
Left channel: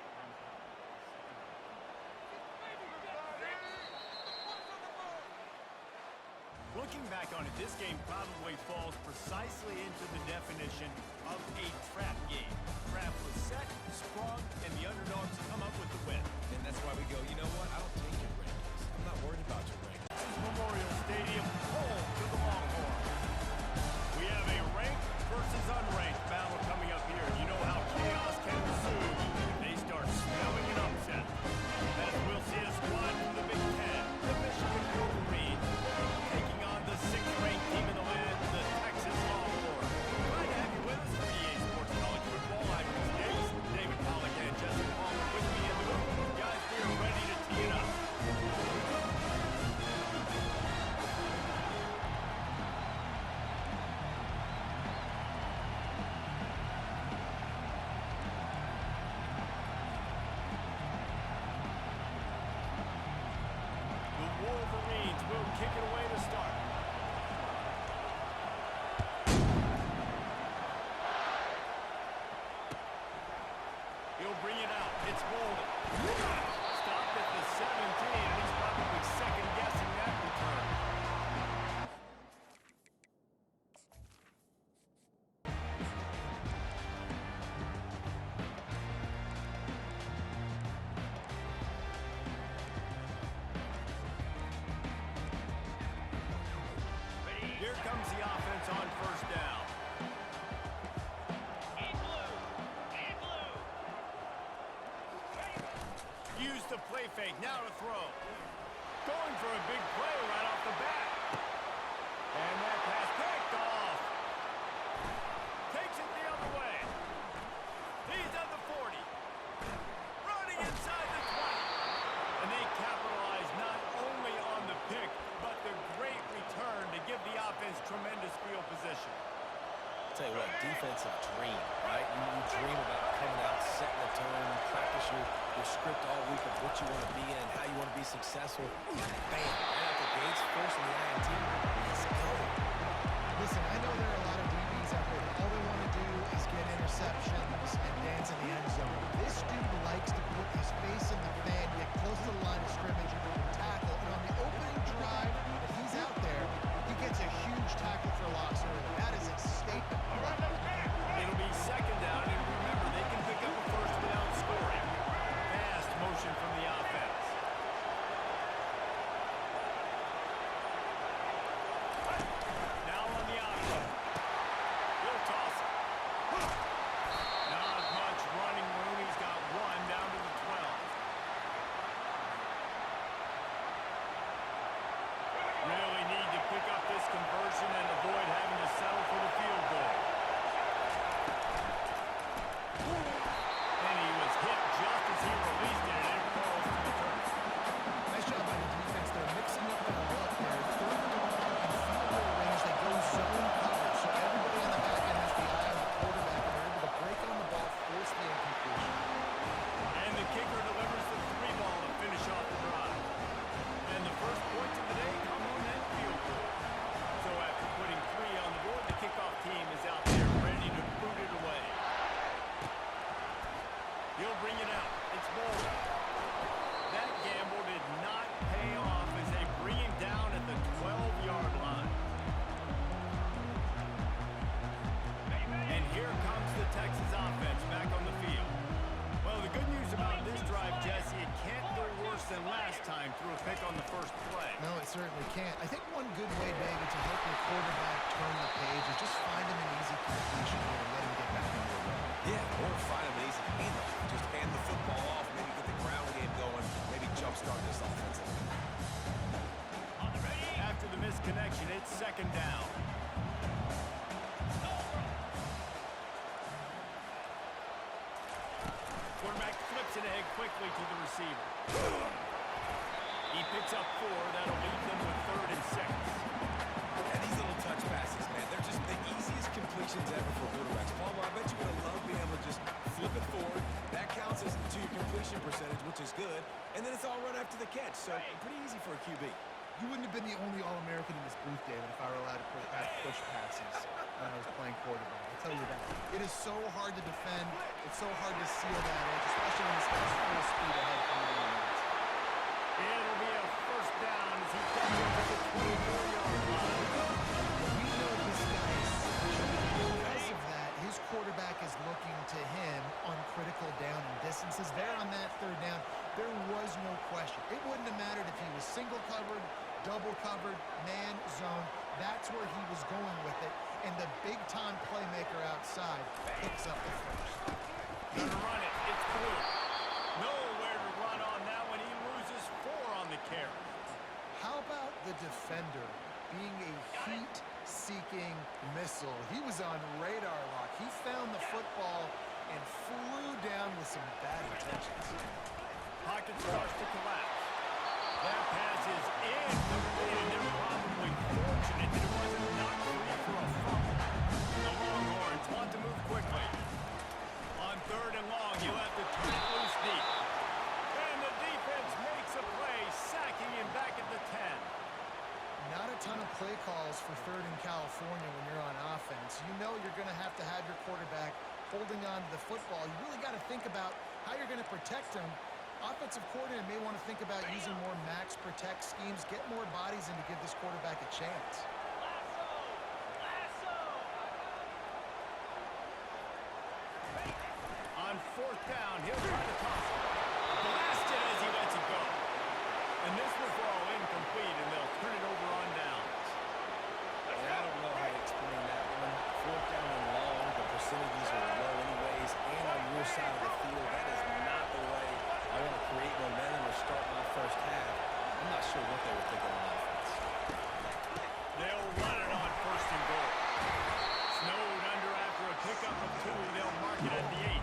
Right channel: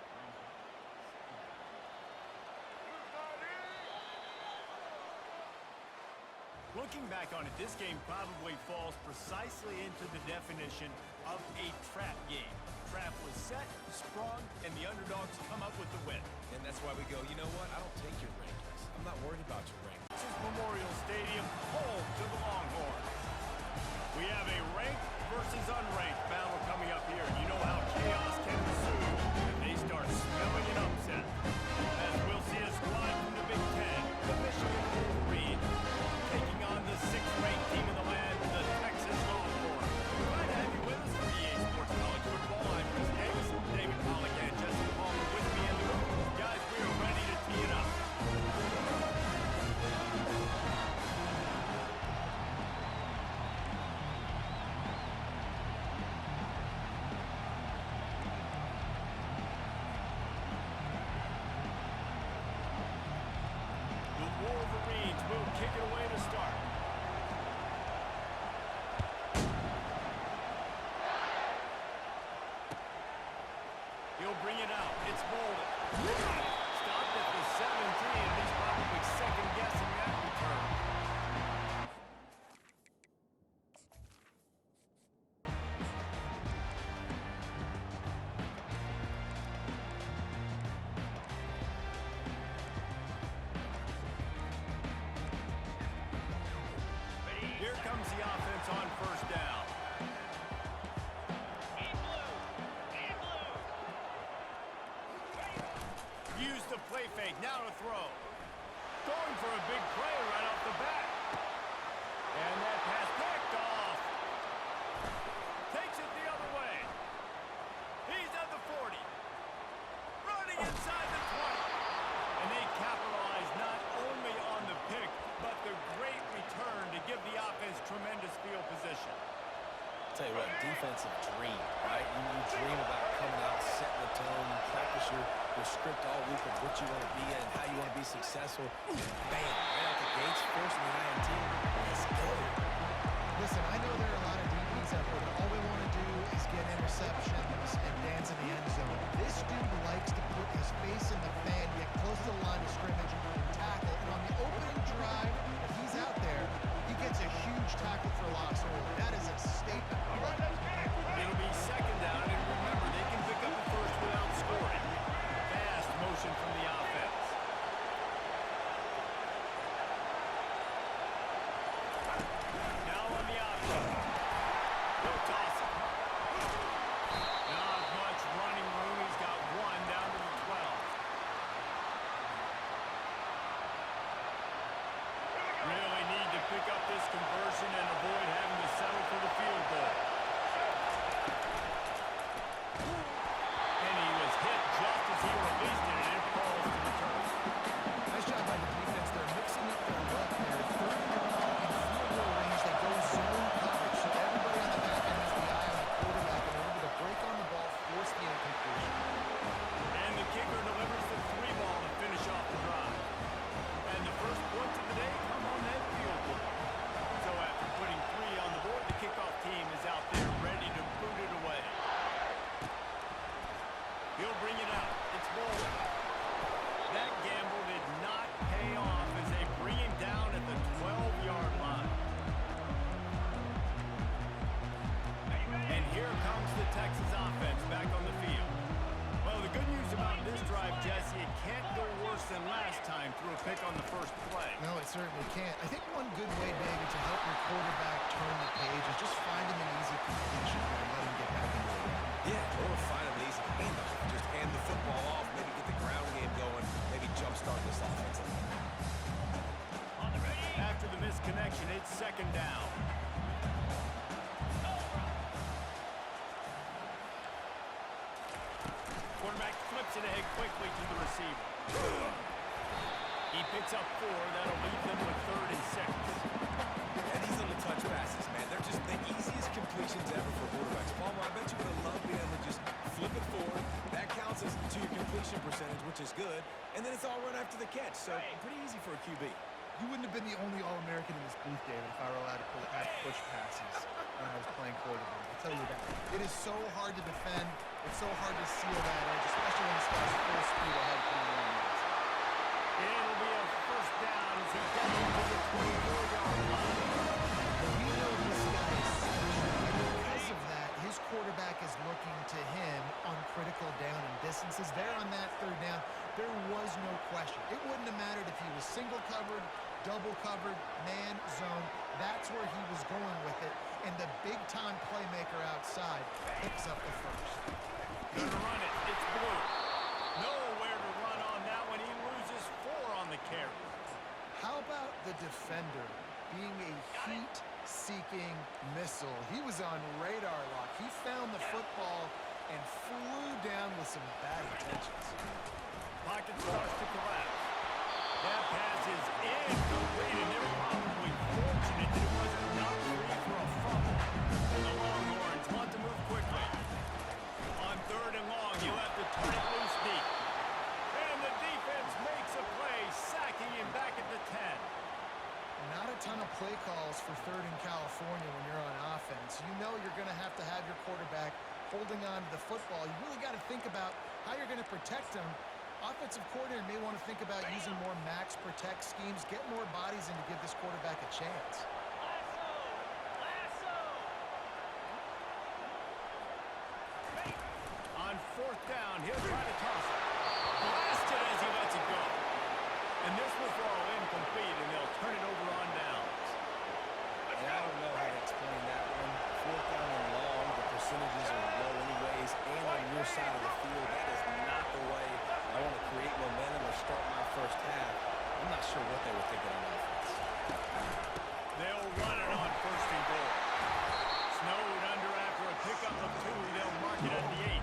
Looking back on it, this game probably falls precisely into the definition of a trap game. Trap was set, sprung, and the underdogs come up with the win. And that's why we go, you know what? I don't take your rankings. I'm not worried about your rankings. This is Memorial Stadium, home to the Longhorns. We have a ranked versus unranked battle coming up here. You know how chaos can ensue if they start smelling an upset. As we'll see a squad from the Big Ten, the Michigan Wolverines, taking on the 6th-ranked team in the land, the Texas Longhorns. Glad to have you with us for EA Sports College Football. I'm Bruce Davis, David Pollack, and Jesse Palmer with me in the booth. Guys, we are ready to tee it up. Wolverines will kick it away to start. He'll bring it out. It's Bolden. Stopped at the 17, and he's probably second-guessing that return. Here comes the offense on first down. In blue. In blue. Use the play fake. Now to throw. Going for a big play right off the bat. And that pass picked off. Takes it the other way. He's at the 40. Running inside the 20. And they capitalize not only on the pick, but the great return to give the offense tremendous field position. Tell you what, defensive dream, right? You dream about coming out, setting the tone, you practice your script all week of what you want to be in, how you want to be successful. Bam, right out the gates, forcing the INT. Let's go. Listen, I know there are a lot of DBs out there that all they want to do is get interceptions and dance in the end zone. This dude likes to put his face in the fan, get close to the line of scrimmage, and tackle. And on the opening drive that he's out there, he gets a huge tackle for loss early. That is a statement. It'll be second down, and remember, they can pick up a first without scoring. Fast motion from the offense. Now on the outside. He'll toss it. Not much running room. He's got one down to the 12. Really need to pick up this conversion and avoid having to settle for the field goal. And he was hit just as he released it, and it falls to the turf. Nice job by the defense. They're mixing up their look. They're third and long in field goal range. They go zone coverage, so everybody on the back end has the eye on the quarterback, and they're able to break on the ball, force the incompletion. And the kicker delivers the 3 ball to finish off the drive. And the first points of the day come on that field goal. So after putting 3 on the board, the kickoff team is out there ready to boot it away. He'll bring it out. It's Bolden. That gamble did not pay off as they bring him down at the 12-yard line. And here comes the Texas offense back on the field. Well, the good news about this drive, Jesse, it can't go worse than last time through a pick on the first play. No, it certainly can't. I think one good way, David, to help your quarterback turn the page is just find him an easy completion here and let him get back into a run. Yeah, or find him an easy handoff. Just hand the football off, maybe get the ground game going, maybe jumpstart this offense a little bit. On the ready. After the misconnection, it's second down. Quarterback flips it ahead quickly to the receiver. He picks up 4. That'll leave them with 3rd and 6. And these little touch passes, man, they're just the easiest completions ever for quarterbacks. Palmer, I bet you would have loved being able to just flip it forward. That counts as to your completion percentage, which is good. And then it's all run after the catch, so pretty easy for a QB. You wouldn't have been the only All-American in this booth, David, if I were allowed to push passes when I was playing quarterback. I'll tell you that. It is so hard to defend. It's so hard to seal that edge, especially when this guy's full speed ahead coming along the outside. It'll be a first down as he gets into the 24-yard line. sentences there on that third down. There was no question. It wouldn't have mattered if he was single covered, double covered, man, zone. That's where he was going with it. And the big-time playmaker outside picks up the first. Gonna run it. It's Blue. Nowhere to run on that one. He loses 4 on the carry. How about the defender being a heat-seeking missile? He was on radar lock. He found the football and flew down with some bad intentions. Pocket starts to collapse. That pass is incomplete, and they're probably fortunate that it wasn't knocked free for a fumble. The Longhorns want to move quickly. On 3rd and long, he'll have to turn it loose deep. And the defense makes a play, sacking him back at the 10. Not a ton of play calls for 3rd in California when you're on offense. You know you're going to have your quarterback holding on to the football. You really got to think about how you're going to protect him. Offensive coordinator may want to think about using more max protect schemes, get more bodies in to give this quarterback a chance. Lasso! On 4th down, he'll try to toss it. Blasted as he lets it go. And this will fall incomplete, and they'll turn it over on downs. And I don't know how to explain that one. 4th down and long, the percentages are low anyways, and on your side of the field, that is not the way I want to create momentum or start my first half. I'm not sure what they were thinking on offense. They'll run it on 1st and goal. Snowed under after a pickup of 2. They'll mark it at the 8.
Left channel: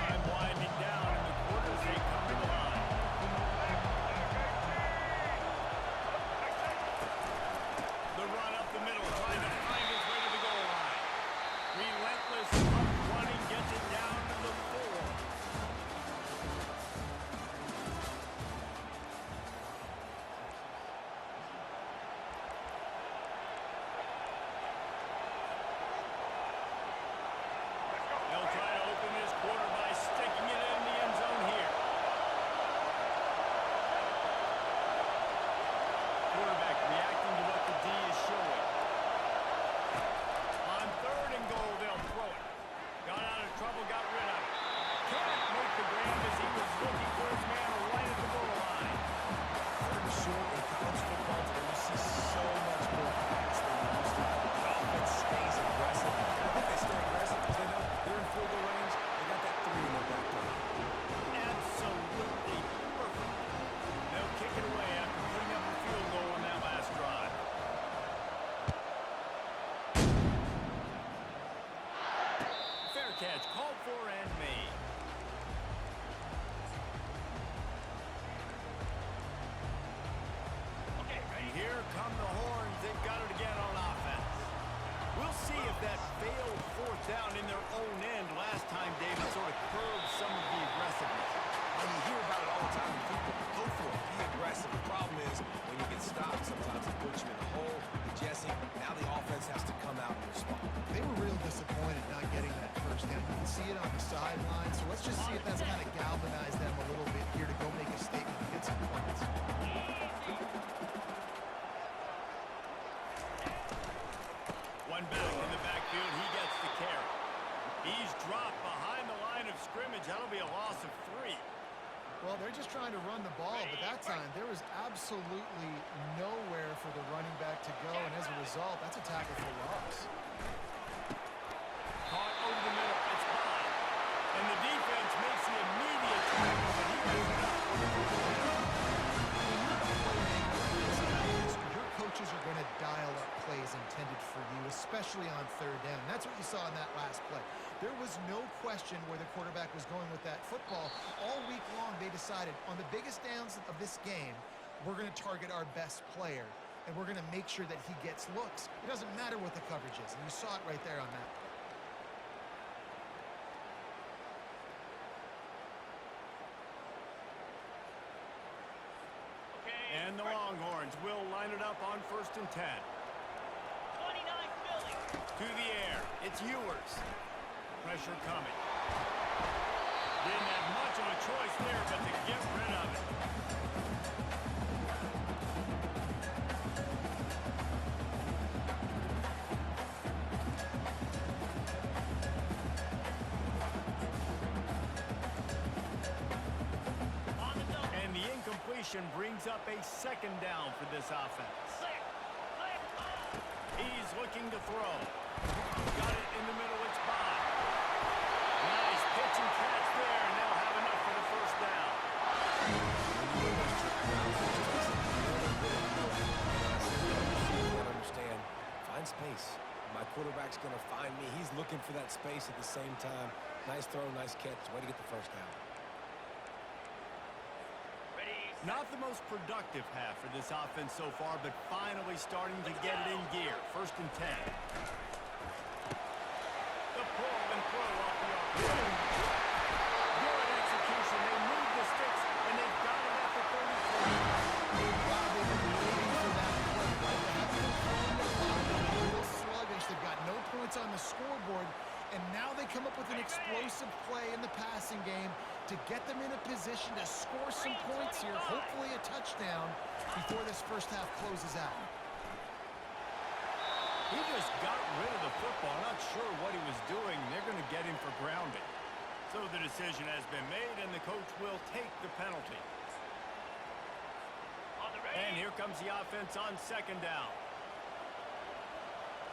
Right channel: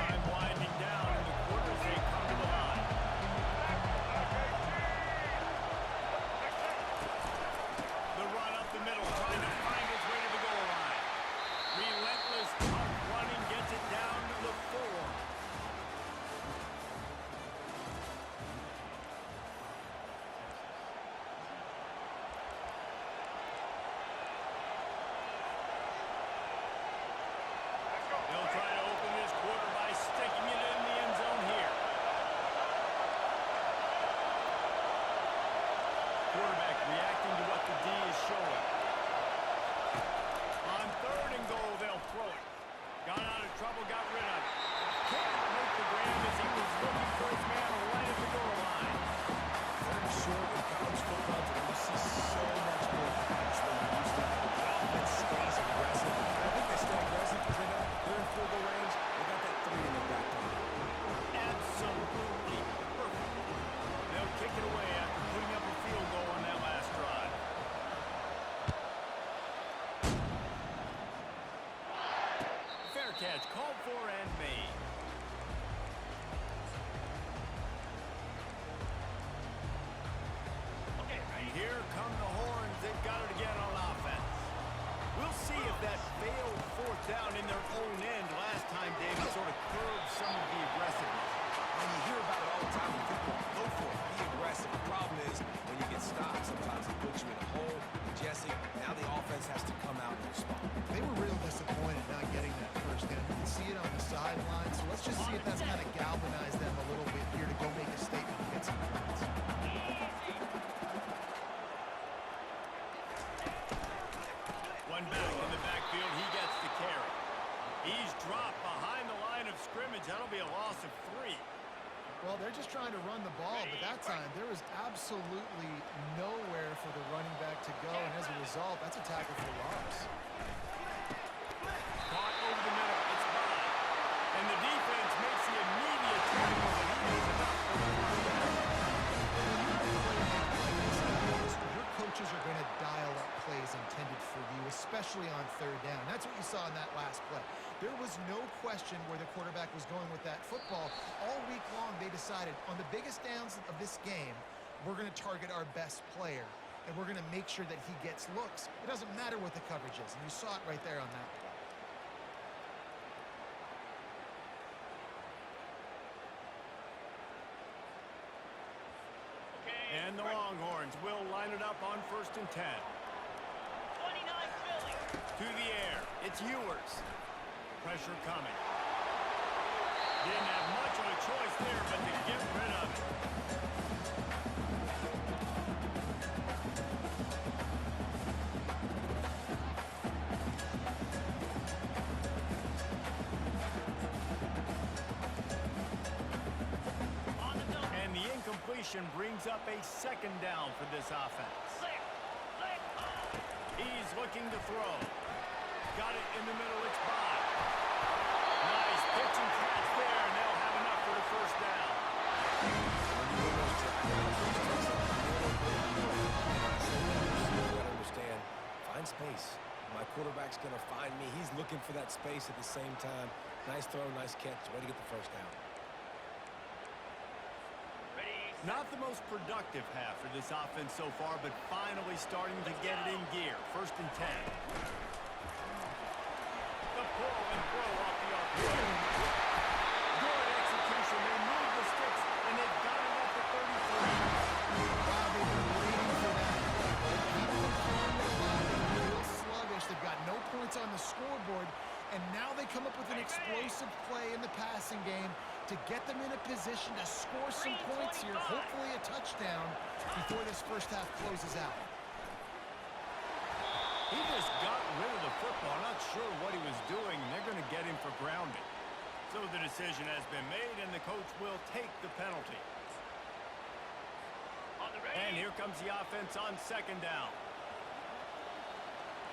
Time winding down in the quarters. They come to the line. The run up the middle, trying to find his way to the goal line. Relentless, tough running gets it down to the 4. They'll try to open this quarter by sticking it in the end zone here. Quarterback reacting to what the D is showing. On 3rd and goal, they'll throw it. Got out of trouble, got rid of it. Can't make the grab as he was looking for his man right at the goal line. 3rd and short in college football today, you see so much more pass than you used to. The offense stays aggressive. And I think they stay aggressive because they know they're in field goal range. They got that 3 in their back pocket. Absolutely perfect. They'll kick it away after putting up a field goal on that last drive. Fair catch called for and made. Okay, And ready? here come the Horns. They've got it again on offense. We'll see if that failed 4th down in their own end last time, David, sort of curbed some of the aggressiveness. Well, you hear about it all the time in football. Go for it. Be aggressive. The problem is when you get stopped, sometimes it puts you in a hole. And Jesse, now the offense has to come out and respond. They were real disappointed not getting that first down. You can see it on the sideline. So let's just see if that's kind of galvanized them a little bit here to go make a statement and get some points. One back in the backfield. He gets the carry. He's dropped behind the line of scrimmage. That'll be a loss of 3. Well, they're just trying to run the ball, but that time there was absolutely nowhere for the running back to go, and as a result, that's a tackle for loss. Caught over the middle. It's by. And the defense makes the immediate tackle, but he has enough for the first down. When you're a playmaker like this, guys, your coaches are going to dial up plays intended for you, especially on 3rd down. That's what you saw in that last play. There was no question where the quarterback was going with that football. All week long, they decided on the biggest downs of this game, we're going to target our best player, and we're going to make sure that he gets looks. It doesn't matter what the coverage is, and you saw it right there on that play. Okay. And the Longhorns will line it up on 1st and 10. 29 Philly. To the air. It's Ewers. Pressure coming. Didn't have much of a choice there, but to get rid of it. completion brings up a second down for this offense. Flick, flick, oh. He's looking to throw. Got it in the middle, it's Bond. Nice pitch and catch there, and they'll have enough for the first down. When you win those track routes, it just takes a little bit of movement. And I say that, you got to understand, find space. My quarterback's going to find me. He's looking for that space at the same time. Nice throw, nice catch. Way to get the first down. Ready, Not the most productive half for this offense so far, but finally starting to get it in gear. 1st and 10. The pull and throw off the RPO. Good execution. They move the sticks, and they've got it at the 33. Wow, they've been waiting for that play, right? They haven't been throwing it a lot. They've been real sluggish. They've got no points on the scoreboard, and now they come up with an explosive play in the passing game to get them in a position to score some points here, hopefully a touchdown, before this first half closes out. He just got rid of the football. Not sure what he was doing. They're going to get him for grounding. So the decision has been made, and the coach will take the penalty. on the ready. And here comes the offense on 2nd down.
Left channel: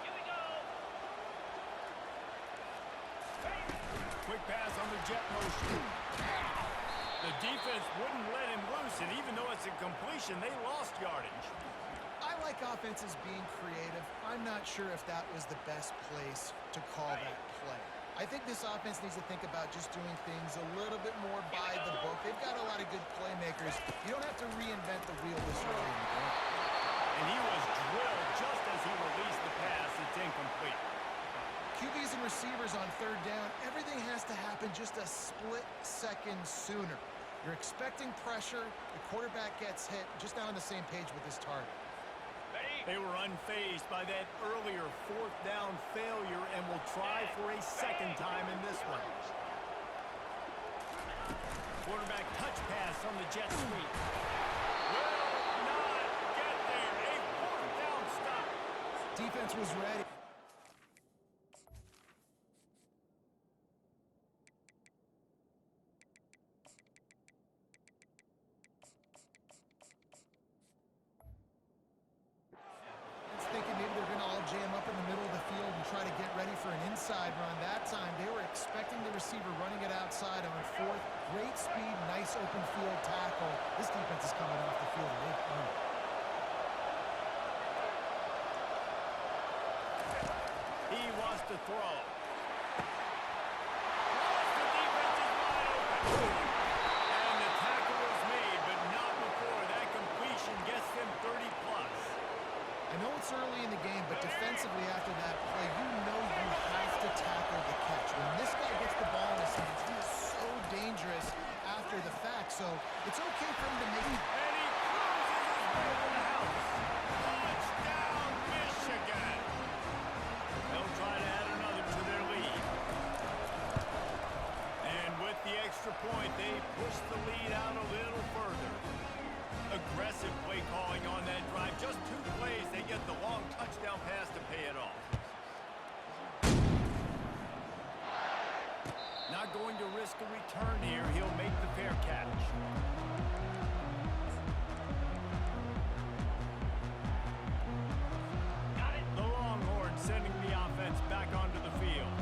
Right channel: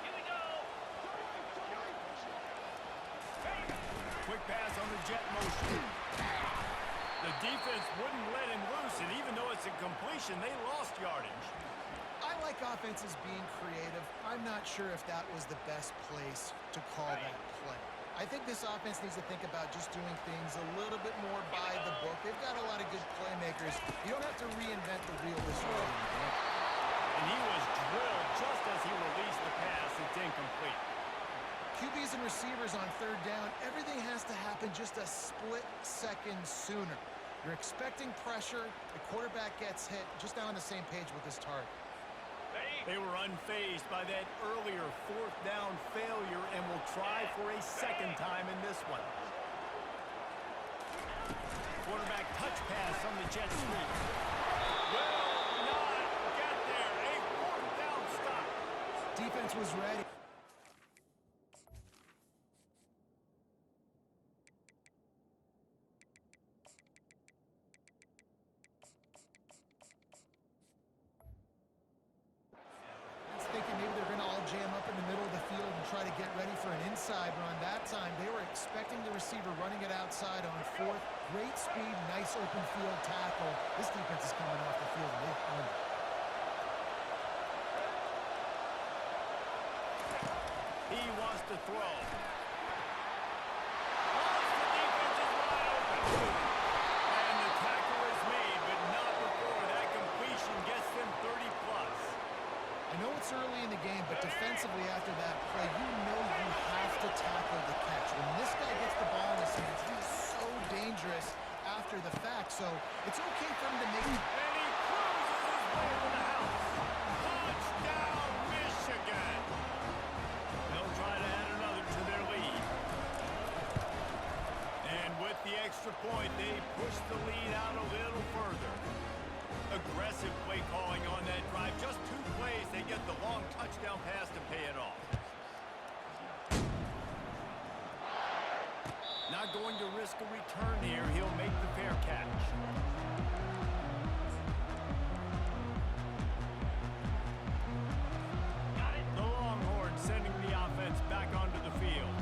Here we go. Ready. Quick pass on the jet motion. The defense wouldn't let him loose, and even though it's a completion, they lost yardage. I like offenses being creative. I'm not sure if that was the best place to call that play. I think this offense needs to think about just doing things a little bit more by the book. They've got a lot of good playmakers. You don't have to reinvent the wheel this early in the game. And he was drilled just as he released the pass. It's incomplete. QBs and receivers on 3rd down, everything has to happen just a split second sooner. You're expecting pressure. The quarterback gets hit. Just not on the same page with this target. They were unfazed by that earlier 4th down failure and will try for a 2nd time in this one. Quarterback touch pass on the jet sweep. Will not get there. A 4th down stop. Defense was ready. Thinking maybe they're going to all jam up in the middle of the field and try to get ready for an inside run. That time, they were expecting the receiver running it outside on 4th. Great speed, nice open field tackle. This defense is coming off the field, and they've earned it. He wants to throw. Once the defense is wide open. And the tackle is made, but not before that completion gets them 30+. I know it's early in the game, but defensively after that play, you know you have to tackle the catch. When this guy gets the ball in his hands, he is so dangerous after the fact. So it's okay for him to make... And he cruises his way to the house. Touchdown, Michigan. They'll try to add another to their lead. And with the extra point, they push the lead out a little further. Aggressive play calling on that drive. Just 2 plays, they get the long touchdown pass to pay it off. Not going to risk a return here. He'll make the fair catch. Got it. The Longhorns sending the offense back onto the field.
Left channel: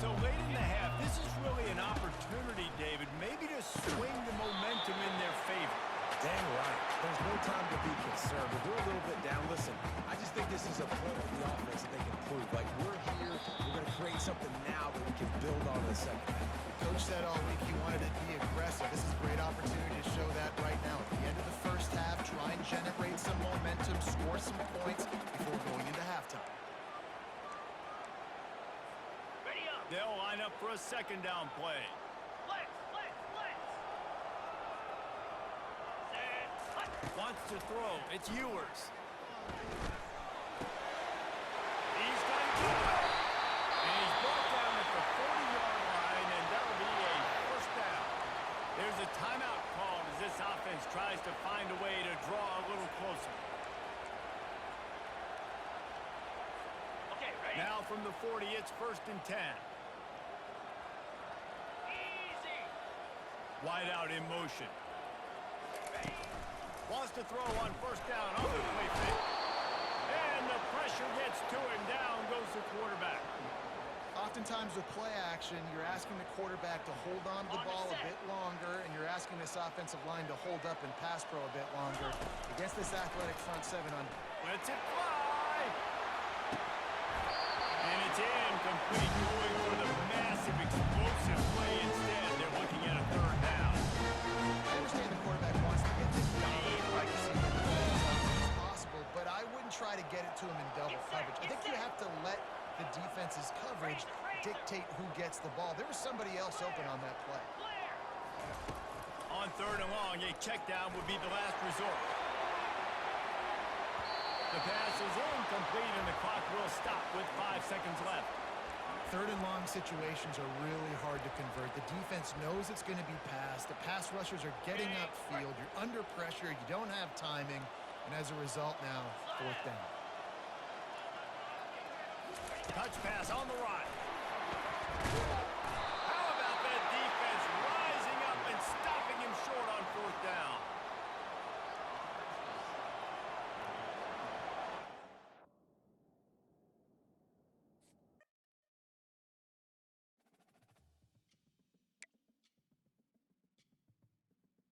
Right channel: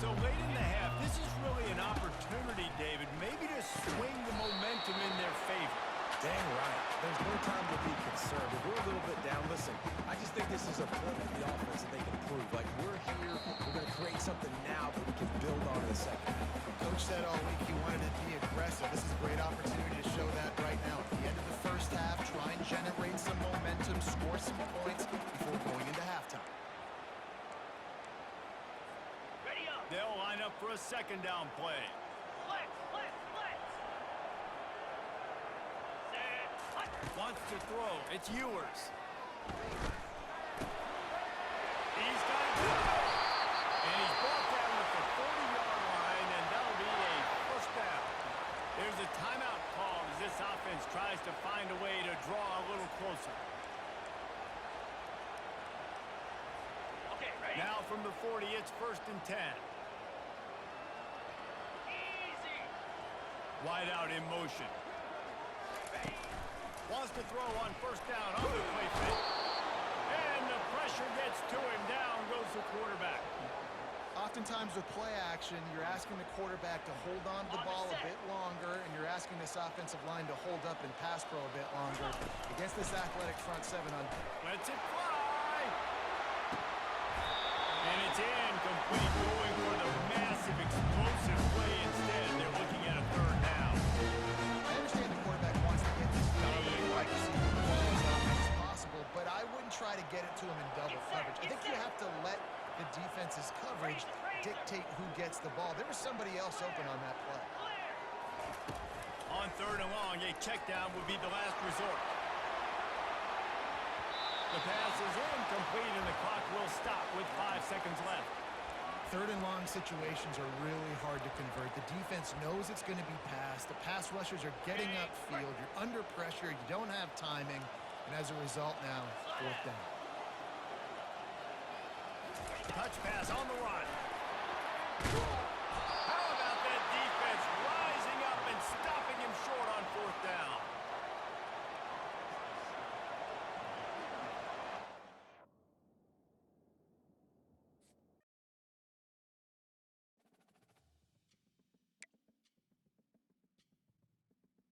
So late in the half, this is really an opportunity, David, maybe to swing the momentum in their favor. Dang right. There's no time to be concerned. If we're a little bit down, listen, I just think this is a point of the offense that they can prove. Like, we're here, we're going to create something now that we can build on in the second half. Coach said all week he wanted to be aggressive. This is a great opportunity to show that right now. At the end of the first half, try and generate some momentum, score some points before going into halftime. Ready up. They'll line up for a 2nd down play. Flex, flex, flex. Set. Hut. Wants to throw. It's Ewers. He's got it good. And he's brought down at the 40-yard line, and that'll be a 1st down. There's a timeout called as this offense tries to find a way to draw a little closer. Okay, ready. Now from the 40, it's 1st and 10. Easy. Wide out in motion. Ready. Wants to throw on first down on the play fake. And the pressure gets to him. Down goes the quarterback. Oftentimes with play action, you're asking the quarterback to hold on to the ball a bit longer, and you're asking this offensive line to hold up and pass pro a bit longer. Against this athletic front seven on... Lets it fly. And it's incomplete, going for the massive explosive play instead. They're looking at a third down. I understand the quarterback wants to get this dominant wide receiver the ball as often as possible, but I wouldn't try to get it to him in double coverage. I think you have to let the defense's coverage dictate who gets the ball. There was somebody else open on that play. On third and long, a check down would be the last resort. The pass is incomplete, and the clock will stop with 5 seconds left. Third and long situations are really hard to convert. The defense knows it's going to be passed. The pass rushers are getting upfield. You're under pressure. You don't have timing. And as a result now, fourth down. Touch pass on the run. How about that defense rising up and stopping him short